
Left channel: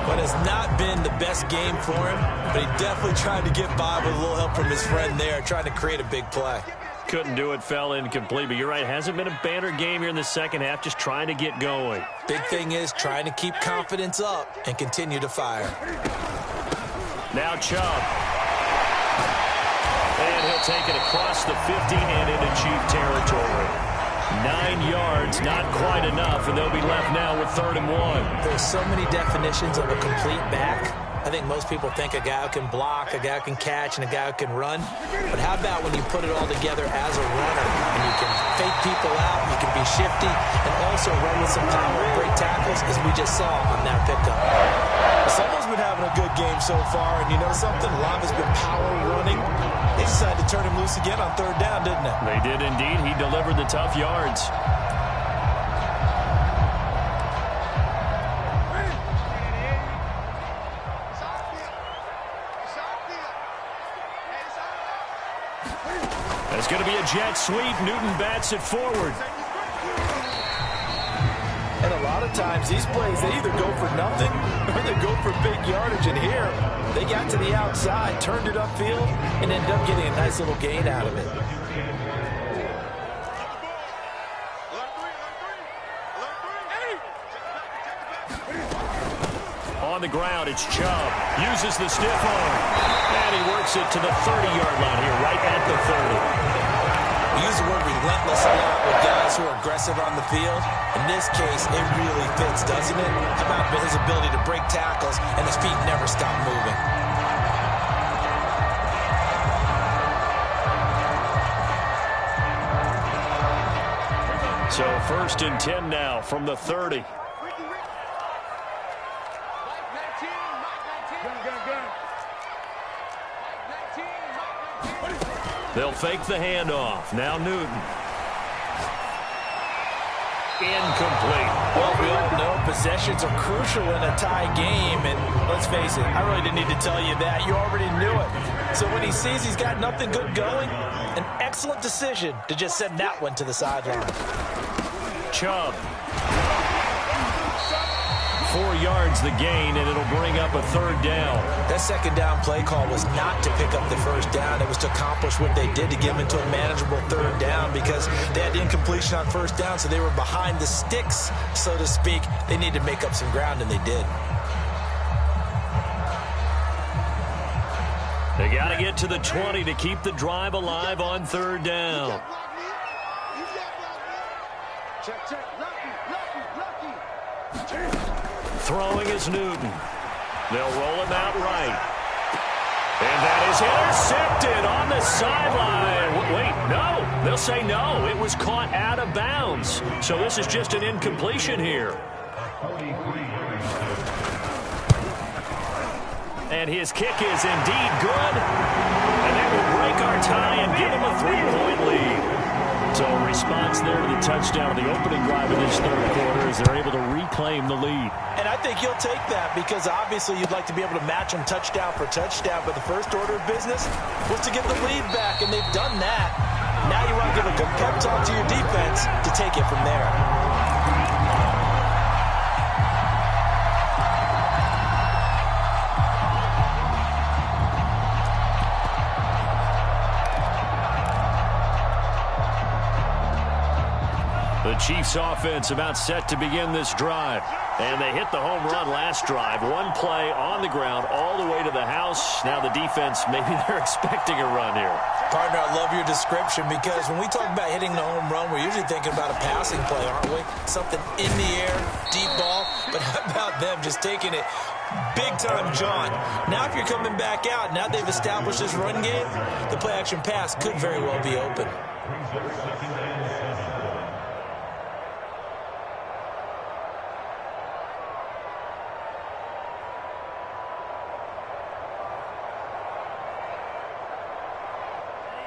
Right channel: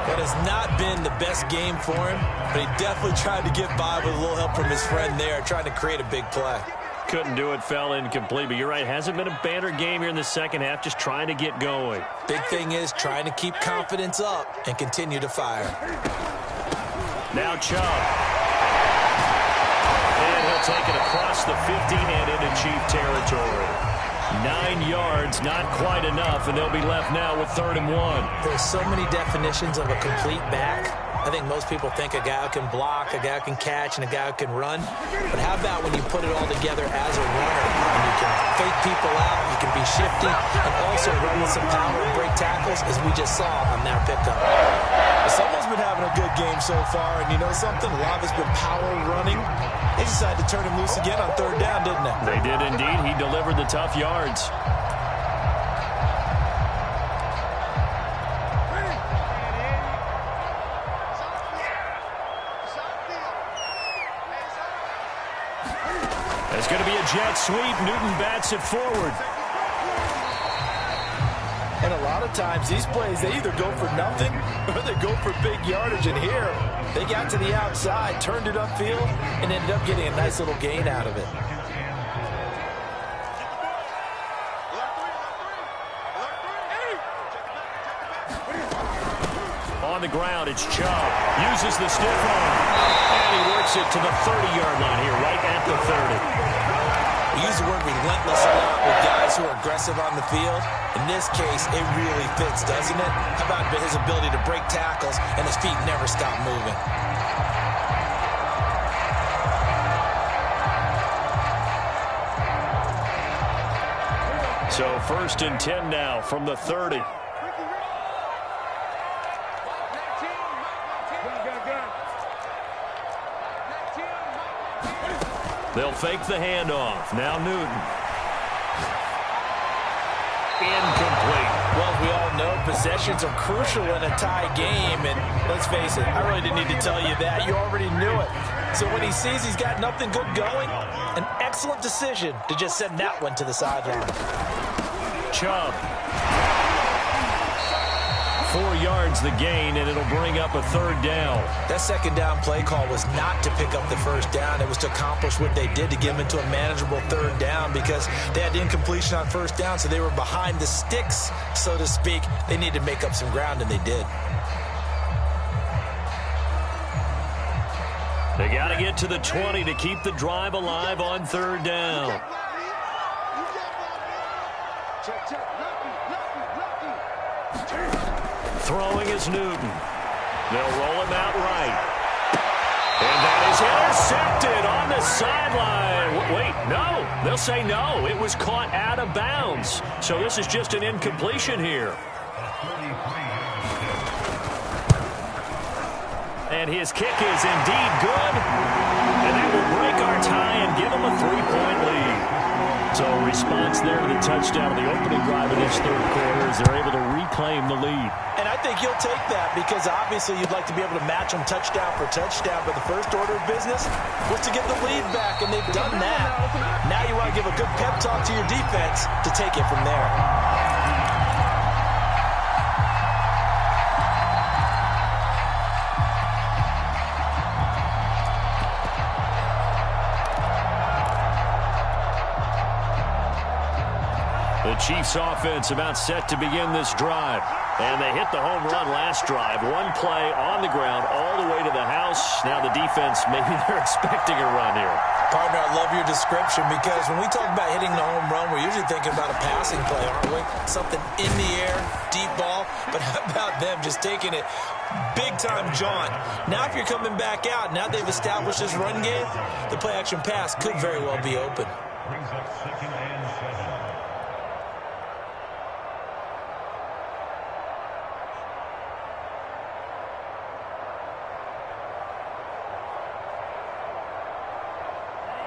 But it's not been the best game for him, but he definitely tried to get by with a little help from his friend there, trying to create a big play. Couldn't do it, fell incomplete. But you're right, hasn't been a banner game here in the second half, just trying to get going. Big thing is trying to keep confidence up and continue to fire. Now Chubb. And he'll take it across the 50 and into Chief territory. 9 yards, not quite enough, and they'll be left now with 3rd and 1. There's so many definitions of a complete back. I think most people think a guy who can block, a guy who can catch, and a guy who can run. But how about when you put it all together as a runner, and you can fake people out, you can be shifty, and also run with some power and break tackles, as we just saw on that pickup. Someone's been having a good game so far, and you know something? A lot of it's been power running. They decided to turn him loose again on 3rd down, didn't they? They did indeed. He delivered the tough yards. It's going to be a jet sweep. Newton bats it forward. And a lot of times these plays, they either go for nothing or they go for big yardage. And here, they got to the outside, turned it upfield, and ended up getting a nice little gain out of it. On the ground, it's Chubb. Uses the stiff arm. And he works it to the 30-yard line here, right at the 30. We use the word relentless a lot with guys who are aggressive on the field. In this case, it really fits, doesn't it? How about his ability to break tackles and his feet never stop moving? So 1st and 10 now from the 30. They'll fake the handoff. Now Newton. Incomplete. Well, we all know possessions are crucial in a tie game, and let's face it, I really didn't need to tell you that. You already knew it. So when he sees he's got nothing good going, an excellent decision to just send that one to the sideline. Chubb. 4 yards the gain, and it'll bring up a 3rd down. That 2nd down play call was not to pick up the 1st down. It was to accomplish what they did, to get them into a manageable 3rd down, because they had the incompletion on 1st down, so they were behind the sticks, so to speak. They needed to make up some ground, and they did. They got to get to the 20 to keep the drive alive on 3rd down. Check. Lucky. Throwing is Newton. They'll roll him out right. And that is intercepted on the sideline. Wait, no. They'll say no. It was caught out of bounds. So this is just an incompletion here. And his kick is indeed good. And that will break our tie and give them a 3-point lead. So a response there to the touchdown of the opening drive in this 3rd quarter as they're able to reclaim the lead. And I think you'll take that, because obviously you'd like to be able to match them touchdown for touchdown, but the first order of business was to get the lead back, and they've done that. Now you want to give a good pep talk to your defense to take it from there. The Chiefs offense about set to begin this drive. And they hit the home run last drive. One play on the ground all the way to the house. Now the defense, maybe they're expecting a run here. Partner, I love your description because when we talk about hitting the home run, we're usually thinking about a passing play, aren't we? Something in the air, deep ball. But how about them just taking it big-time jaunt? Now if you're coming back out, now they've established this run game, the play-action pass could very well be open.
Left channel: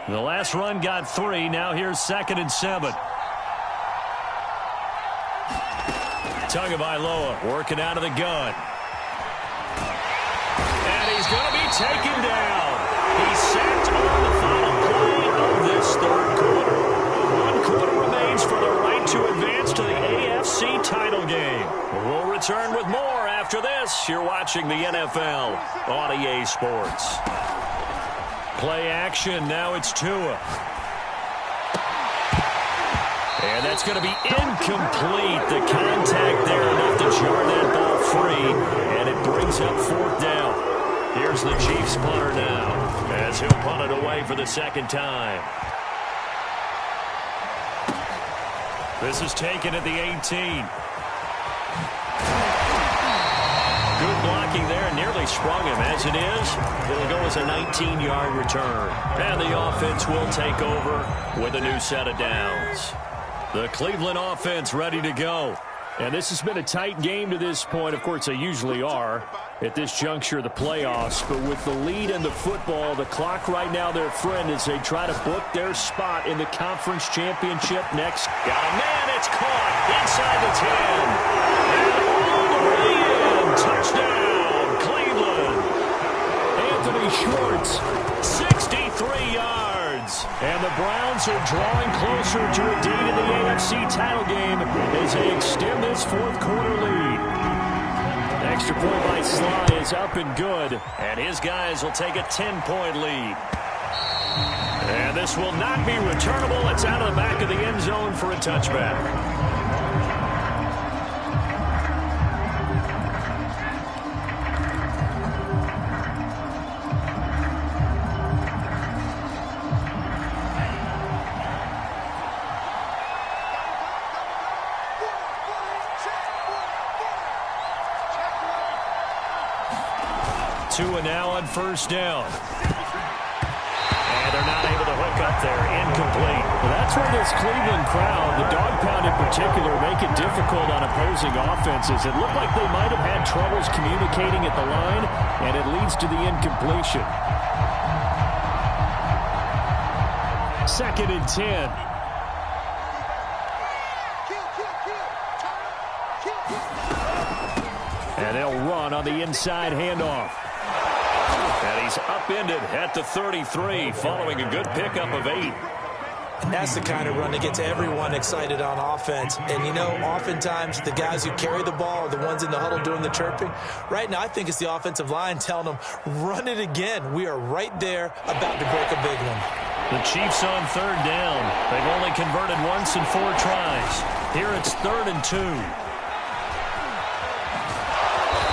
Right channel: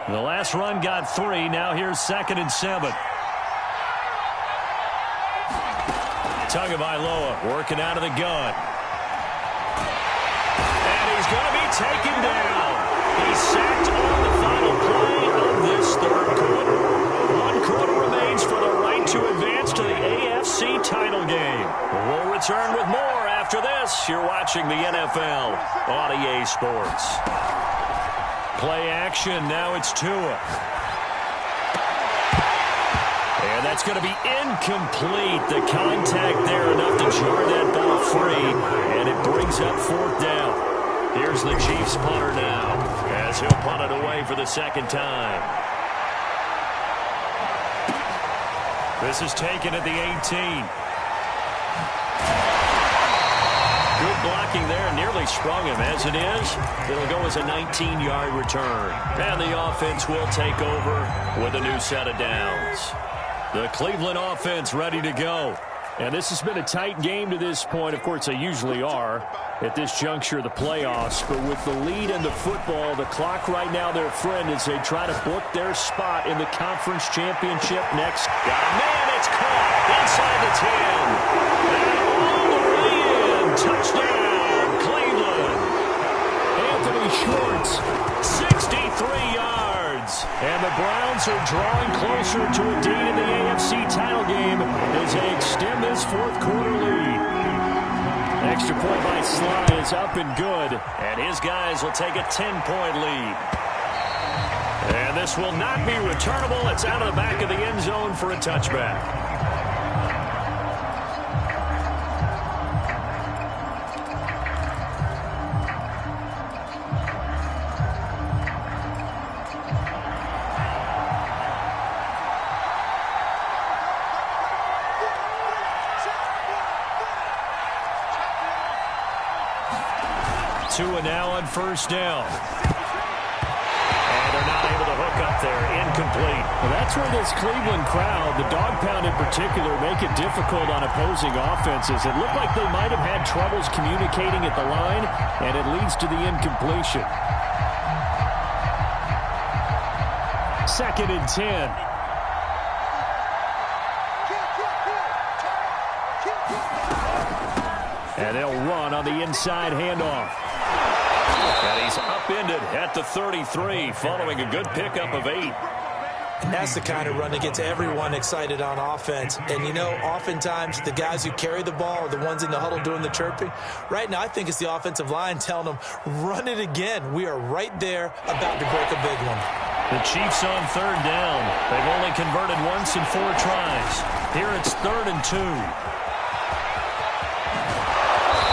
The last run got 3. Now here's 2nd and 7. Tagovailoa working out of the gun. And he's going to be taken down. He's sacked on the final play of this third quarter. 1 quarter remains for the right to advance to the AFC title game. We'll return with more after this. You're watching the NFL on EA Sports. Play action. Now it's Tua. And that's going to be incomplete. The contact there enough to jar that ball free. And it brings up 4th down. Here's the Chiefs punter now as he'll punt it away for the 2nd time. This is taken at the 18. Good blocking there, nearly sprung him. As it is, it'll go as a 19-yard return. And the offense will take over with a new set of downs. The Cleveland offense ready to go. And this has been a tight game to this point. Of course, they usually are at this juncture of the playoffs. But with the lead in the football, the clock right now their friend as they try to book their spot in the conference championship next. Got a man, it's caught inside the 10. And all the way in. Touchdown, Cleveland. Anthony Schwartz, 63 yards. And the Browns are drawing closer to a date in the AFC title game as they extend this 4th quarter lead. Extra point by Sly is up and good. And his guys will take a 10-point lead. And this will not be returnable. It's out of the back of the end zone for a touchback. 2 now on 1st down. And they're not able to hook up there. Incomplete. Well, that's where this Cleveland crowd, the dog pound in particular, make it difficult on opposing offenses. It looked like they might have had troubles communicating at the line, and it leads to the incompletion. 2nd and 10. And they'll run on the inside handoff. And he's upended at the 33 following a good pickup of 8. And that's the kind of run that gets everyone excited on offense. And, you know, oftentimes the guys who carry the ball are the ones in the huddle doing the chirping. Right now, I think it's the offensive line telling them, run it again. We are right there about to break a big one. The Chiefs on 3rd down. They've only converted once in 4 tries. Here it's 3rd and 2.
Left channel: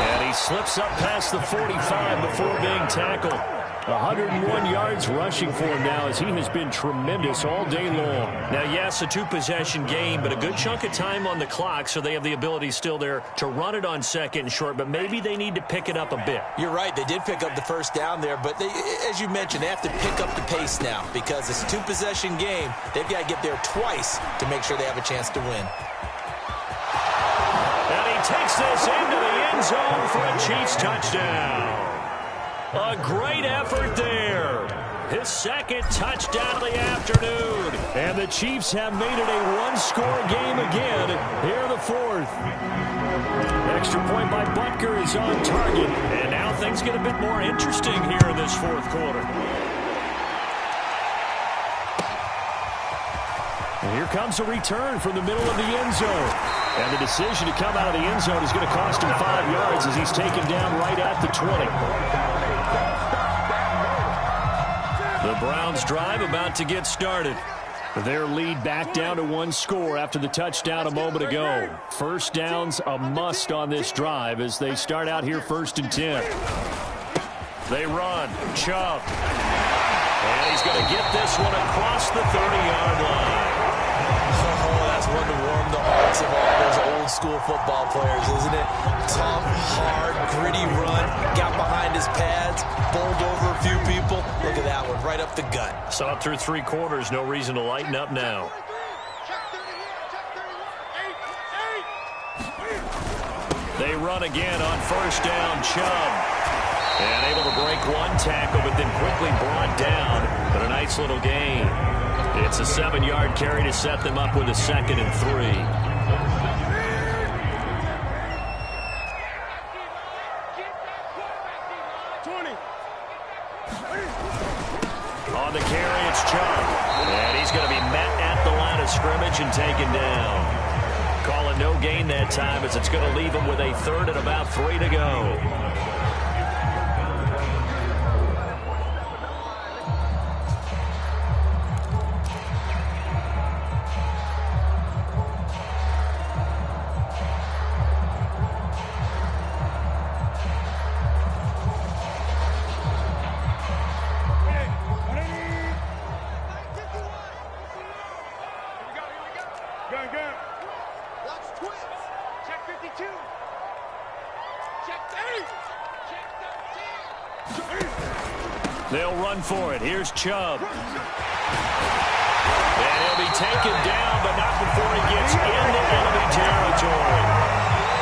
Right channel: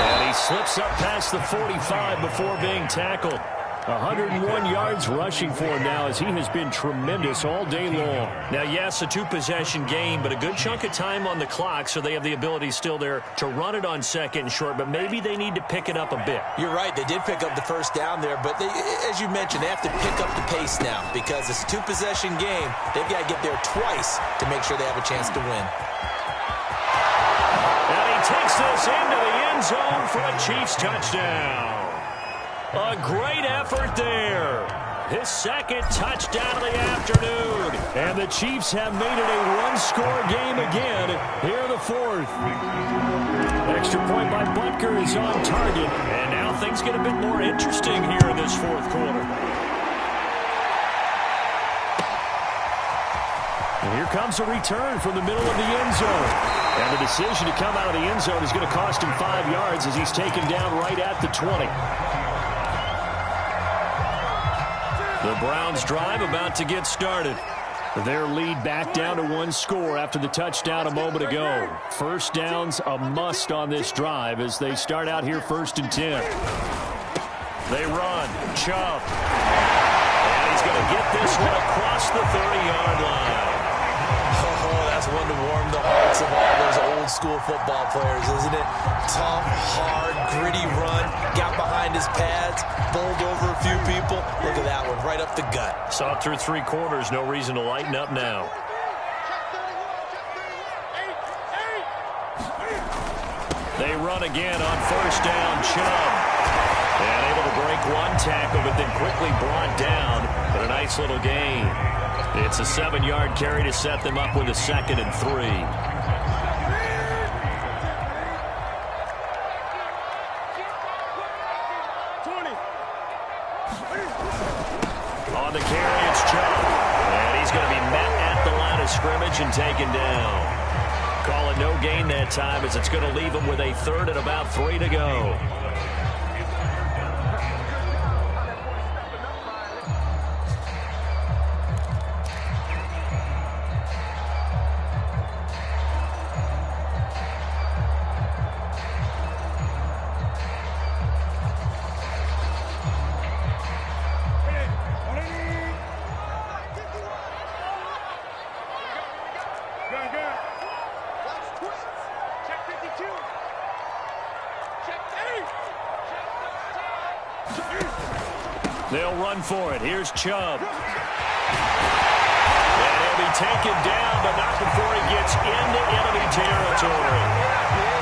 And he slips up past the 45 before being tackled. 101 yards rushing for him now as he has been tremendous all day long. Now, yes, a 2-possession game, but a good chunk of time on the clock, so they have the ability still there to run it on 2nd and short, but maybe they need to pick it up a bit. You're right. They did pick up the 1st down there, but as you mentioned, they have to pick up the pace now because it's a 2-possession game. They've got to get there twice to make sure they have a chance to win. And he takes this into the end zone for a Chiefs touchdown. A great effort there. His 2nd touchdown of the afternoon. And the Chiefs have made it a 1-score game again. Here the 4th. Extra point by Butker is on target. And now things get a bit more interesting here in this 4th quarter. And here comes a return from the middle of the end zone. And the decision to come out of the end zone is going to cost him 5 yards as he's taken down right at the 20. The Browns drive about to get started. Their lead back down to one score after the touchdown a moment ago. First down's a must on this drive as they start out here 1st and 10. They run. Chubb. And he's going to get this one across the 30-yard line. Oh, that's one to warm the hearts of all those old-school football players, isn't it? Tough, hard, gritty run. Got behind his pads, bowled over a few people. Look at that one, right up the gut. Saw it through 3 quarters. No reason to lighten up now. They run again on 1st down. Chubb. And able to break one tackle, but then quickly brought down. But a nice little gain. It's a 7-yard carry to set them up with a 2nd and 3. On the carry, it's Chubb. And he's going to be met at the line of scrimmage and taken down. Call it no gain that time as it's going to leave him with a 3rd and about 3 to go. They'll run for it. Here's Chubb. And he'll be taken down, but not before he gets into enemy territory.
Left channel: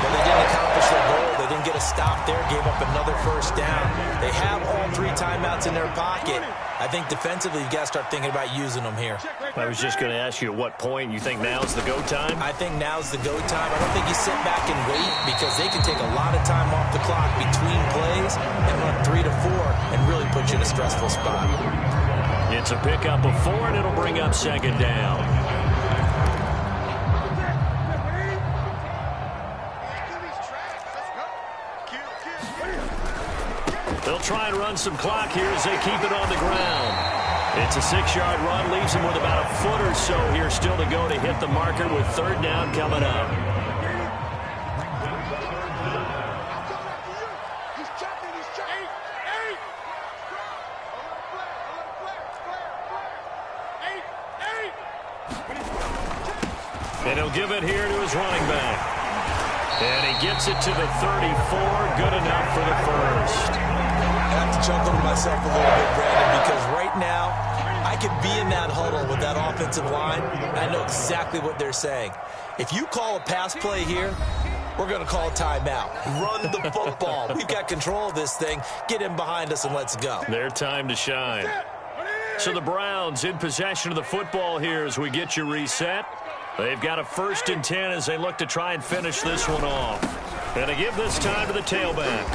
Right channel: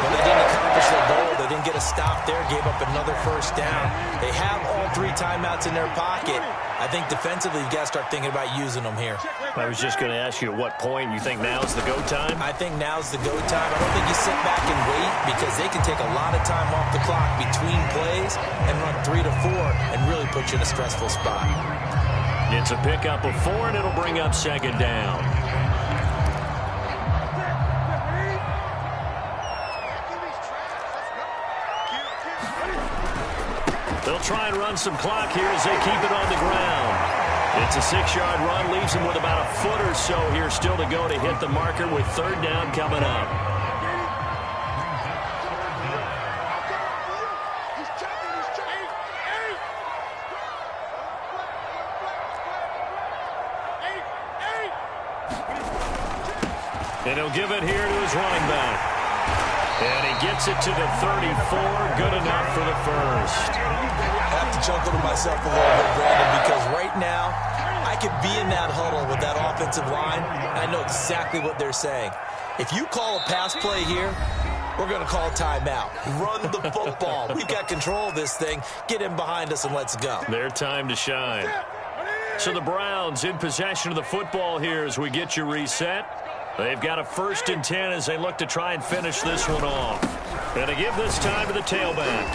But they didn't accomplish their goal. They didn't get a stop there, gave up another 1st down. They have all 3 timeouts in their pocket. I think defensively, you got to start thinking about using them here. I was just going to ask you at what point you think now's the go time? I think now's the go time. I don't think you sit back and wait because they can take a lot of time off the clock between plays and run 3 to 4 and really put you in a stressful spot. It's a pickup of 4, and it'll bring up 2nd down. They'll try and run some clock here as they keep it on the ground. It's a 6-yard run, leaves them with about a foot or so here still to go to hit the marker with 3rd down coming up. And he'll give it here to his running back. And he gets it to the 34. Good enough for the 1st. I have to chuckle to myself a little bit, Brandon, because right now I could be in that huddle with that offensive line, and I know exactly what they're saying. If you call a pass play here, we're going to call a timeout. Run the football. We've got control of this thing. Get in behind us and let's go. Their time to shine. So the Browns in possession of the football here as we get you reset. They've got a 1st and 10 as they look to try and finish this one off. And they give this time to the tailback.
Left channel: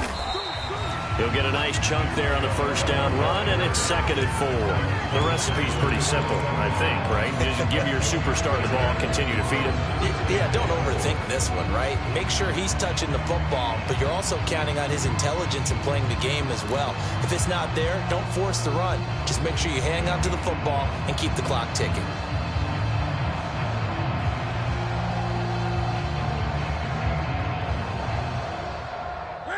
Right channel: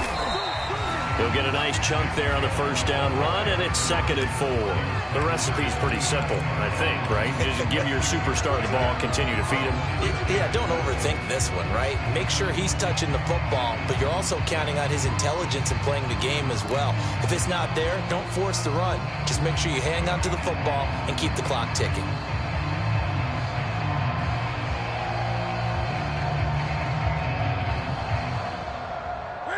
He'll get a nice chunk there on the 1st down run, and it's 2nd and 4. The recipe's pretty simple, I think, right? Just give your superstar the ball, continue to feed him. Yeah, don't overthink this one, right? Make sure he's touching the football, but you're also counting on his intelligence in playing the game as well. If it's not there, don't force the run. Just make sure you hang on to the football and keep the clock ticking.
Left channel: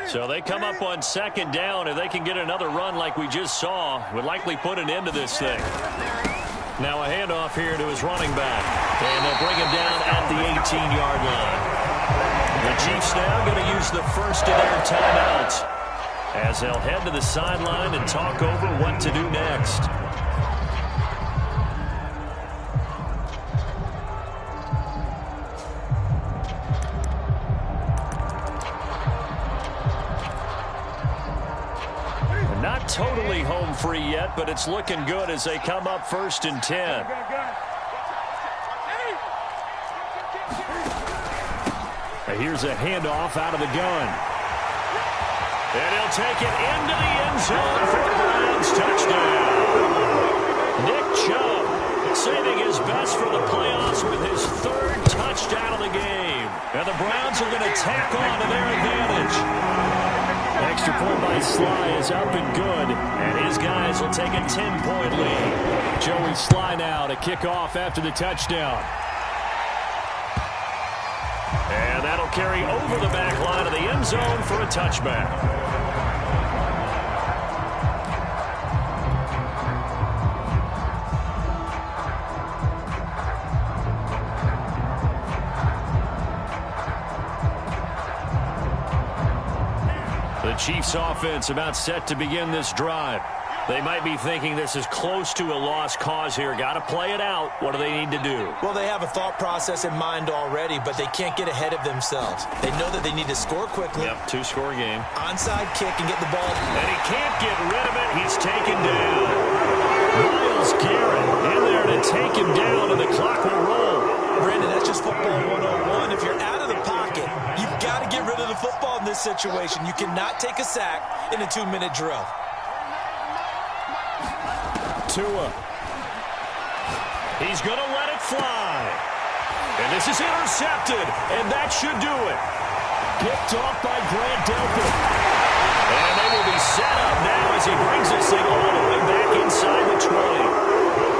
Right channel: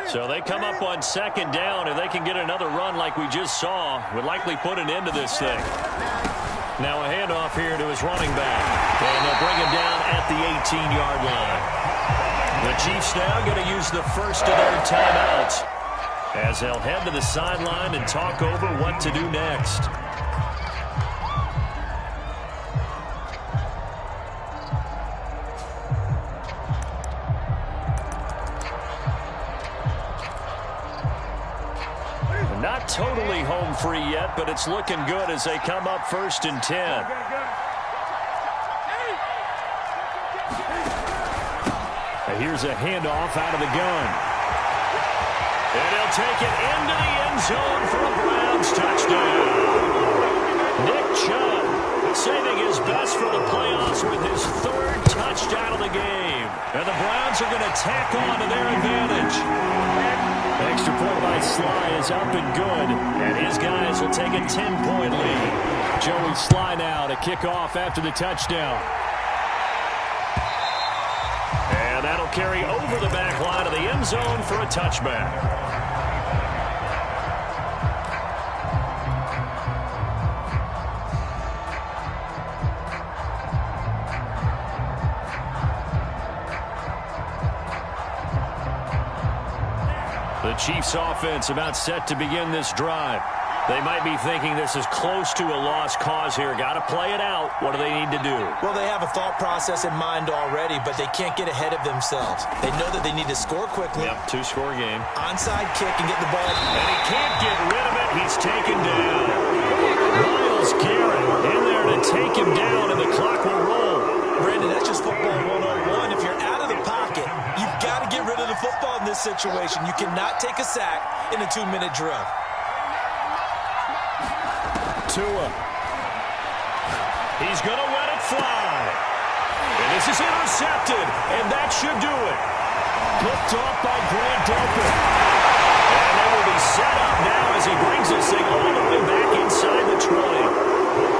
So they come up on 2nd down. If they can get another run like we just saw, would likely put an end to this thing. Now a handoff here to his running back. And they'll bring him down at the 18-yard line. The Chiefs now going to use the 1st of their timeouts as they'll head to the sideline and talk over what to do next. Not totally home free yet, but it's looking good as they come up 1st and 10. Here's a handoff out of the gun. And he'll take it into the end zone for a Browns touchdown. Nick Chubb saving his best for the playoffs with his 3rd touchdown of the game. And the Browns are going to tack on to their advantage. Extra point by Sly is up and good. And his guys will take a 10-point lead. Joey Sly now to kick off after the touchdown. And that'll carry over the back line of the end zone for a touchback. The Chiefs offense about set to begin this drive. They might be thinking this is close to a lost cause here. Got to play it out. What do they need to do? Well, they have a thought process in mind already, but they can't get ahead of themselves. They know that they need to score quickly. Yep, two-score game. Onside kick and get the ball. And he can't get rid of it. He's taken down. Myles Garrett in there to take him down, and the clock will roll. Brandon, that's just football 101. If you're out of the pocket, you've got to get rid of the football in this situation. You cannot take a sack in a 2-minute drill. Tua. He's going to let it fly. And this is intercepted, and that should do it. Picked off by Grant Delpit. And they will be set up now as he brings this thing all the way back inside the 20.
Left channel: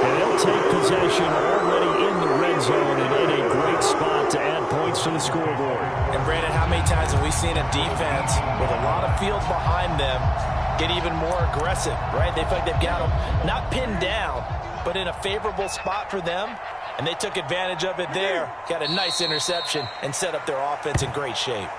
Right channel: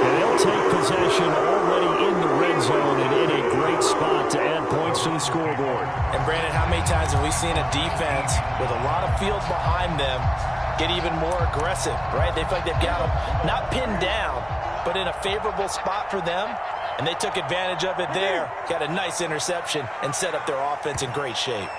And they'll take possession already in the red zone and in a great spot to add points to the scoreboard. And, Brandon, how many times have we seen a defense with a lot of field behind them get even more aggressive, right? They feel like they've got them not pinned down, but in a favorable spot for them, and they took advantage of it there. Got a nice interception and set up their offense in great shape.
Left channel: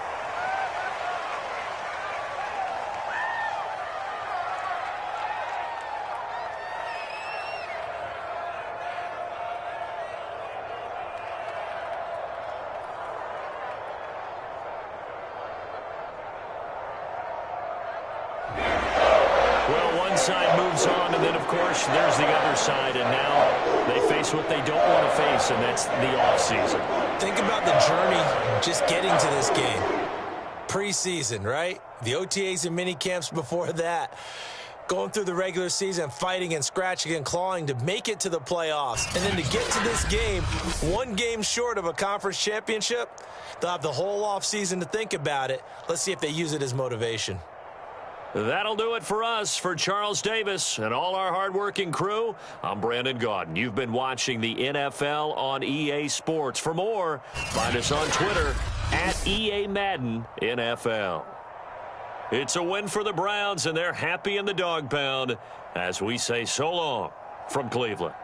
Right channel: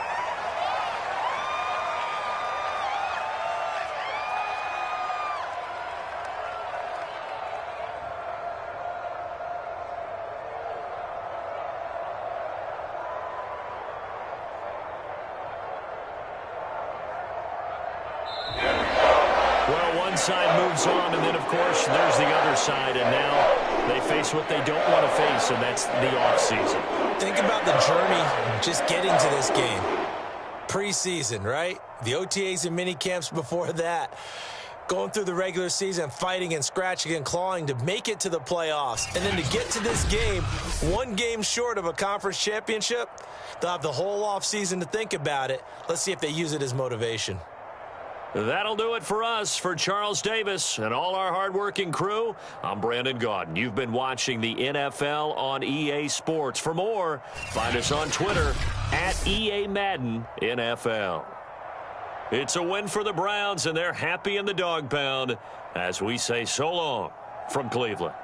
Well, one side moves on, and then, of course, there's the other side, and now they face what they don't want to face, and that's the offseason. Think about the journey just getting to this game. Preseason, right? The OTAs and mini camps before that. Going through the regular season, fighting and scratching and clawing to make it to the playoffs. And then to get to this game, one game short of a conference championship, they'll have the whole offseason to think about it. Let's see if they use it as motivation. That'll do it for us. For Charles Davis and all our hardworking crew, I'm Brandon Gaudin. You've been watching the NFL on EA Sports. For more, find us on Twitter at EA Madden NFL. It's a win for the Browns, and they're happy in the dog pound as we say so long from Cleveland.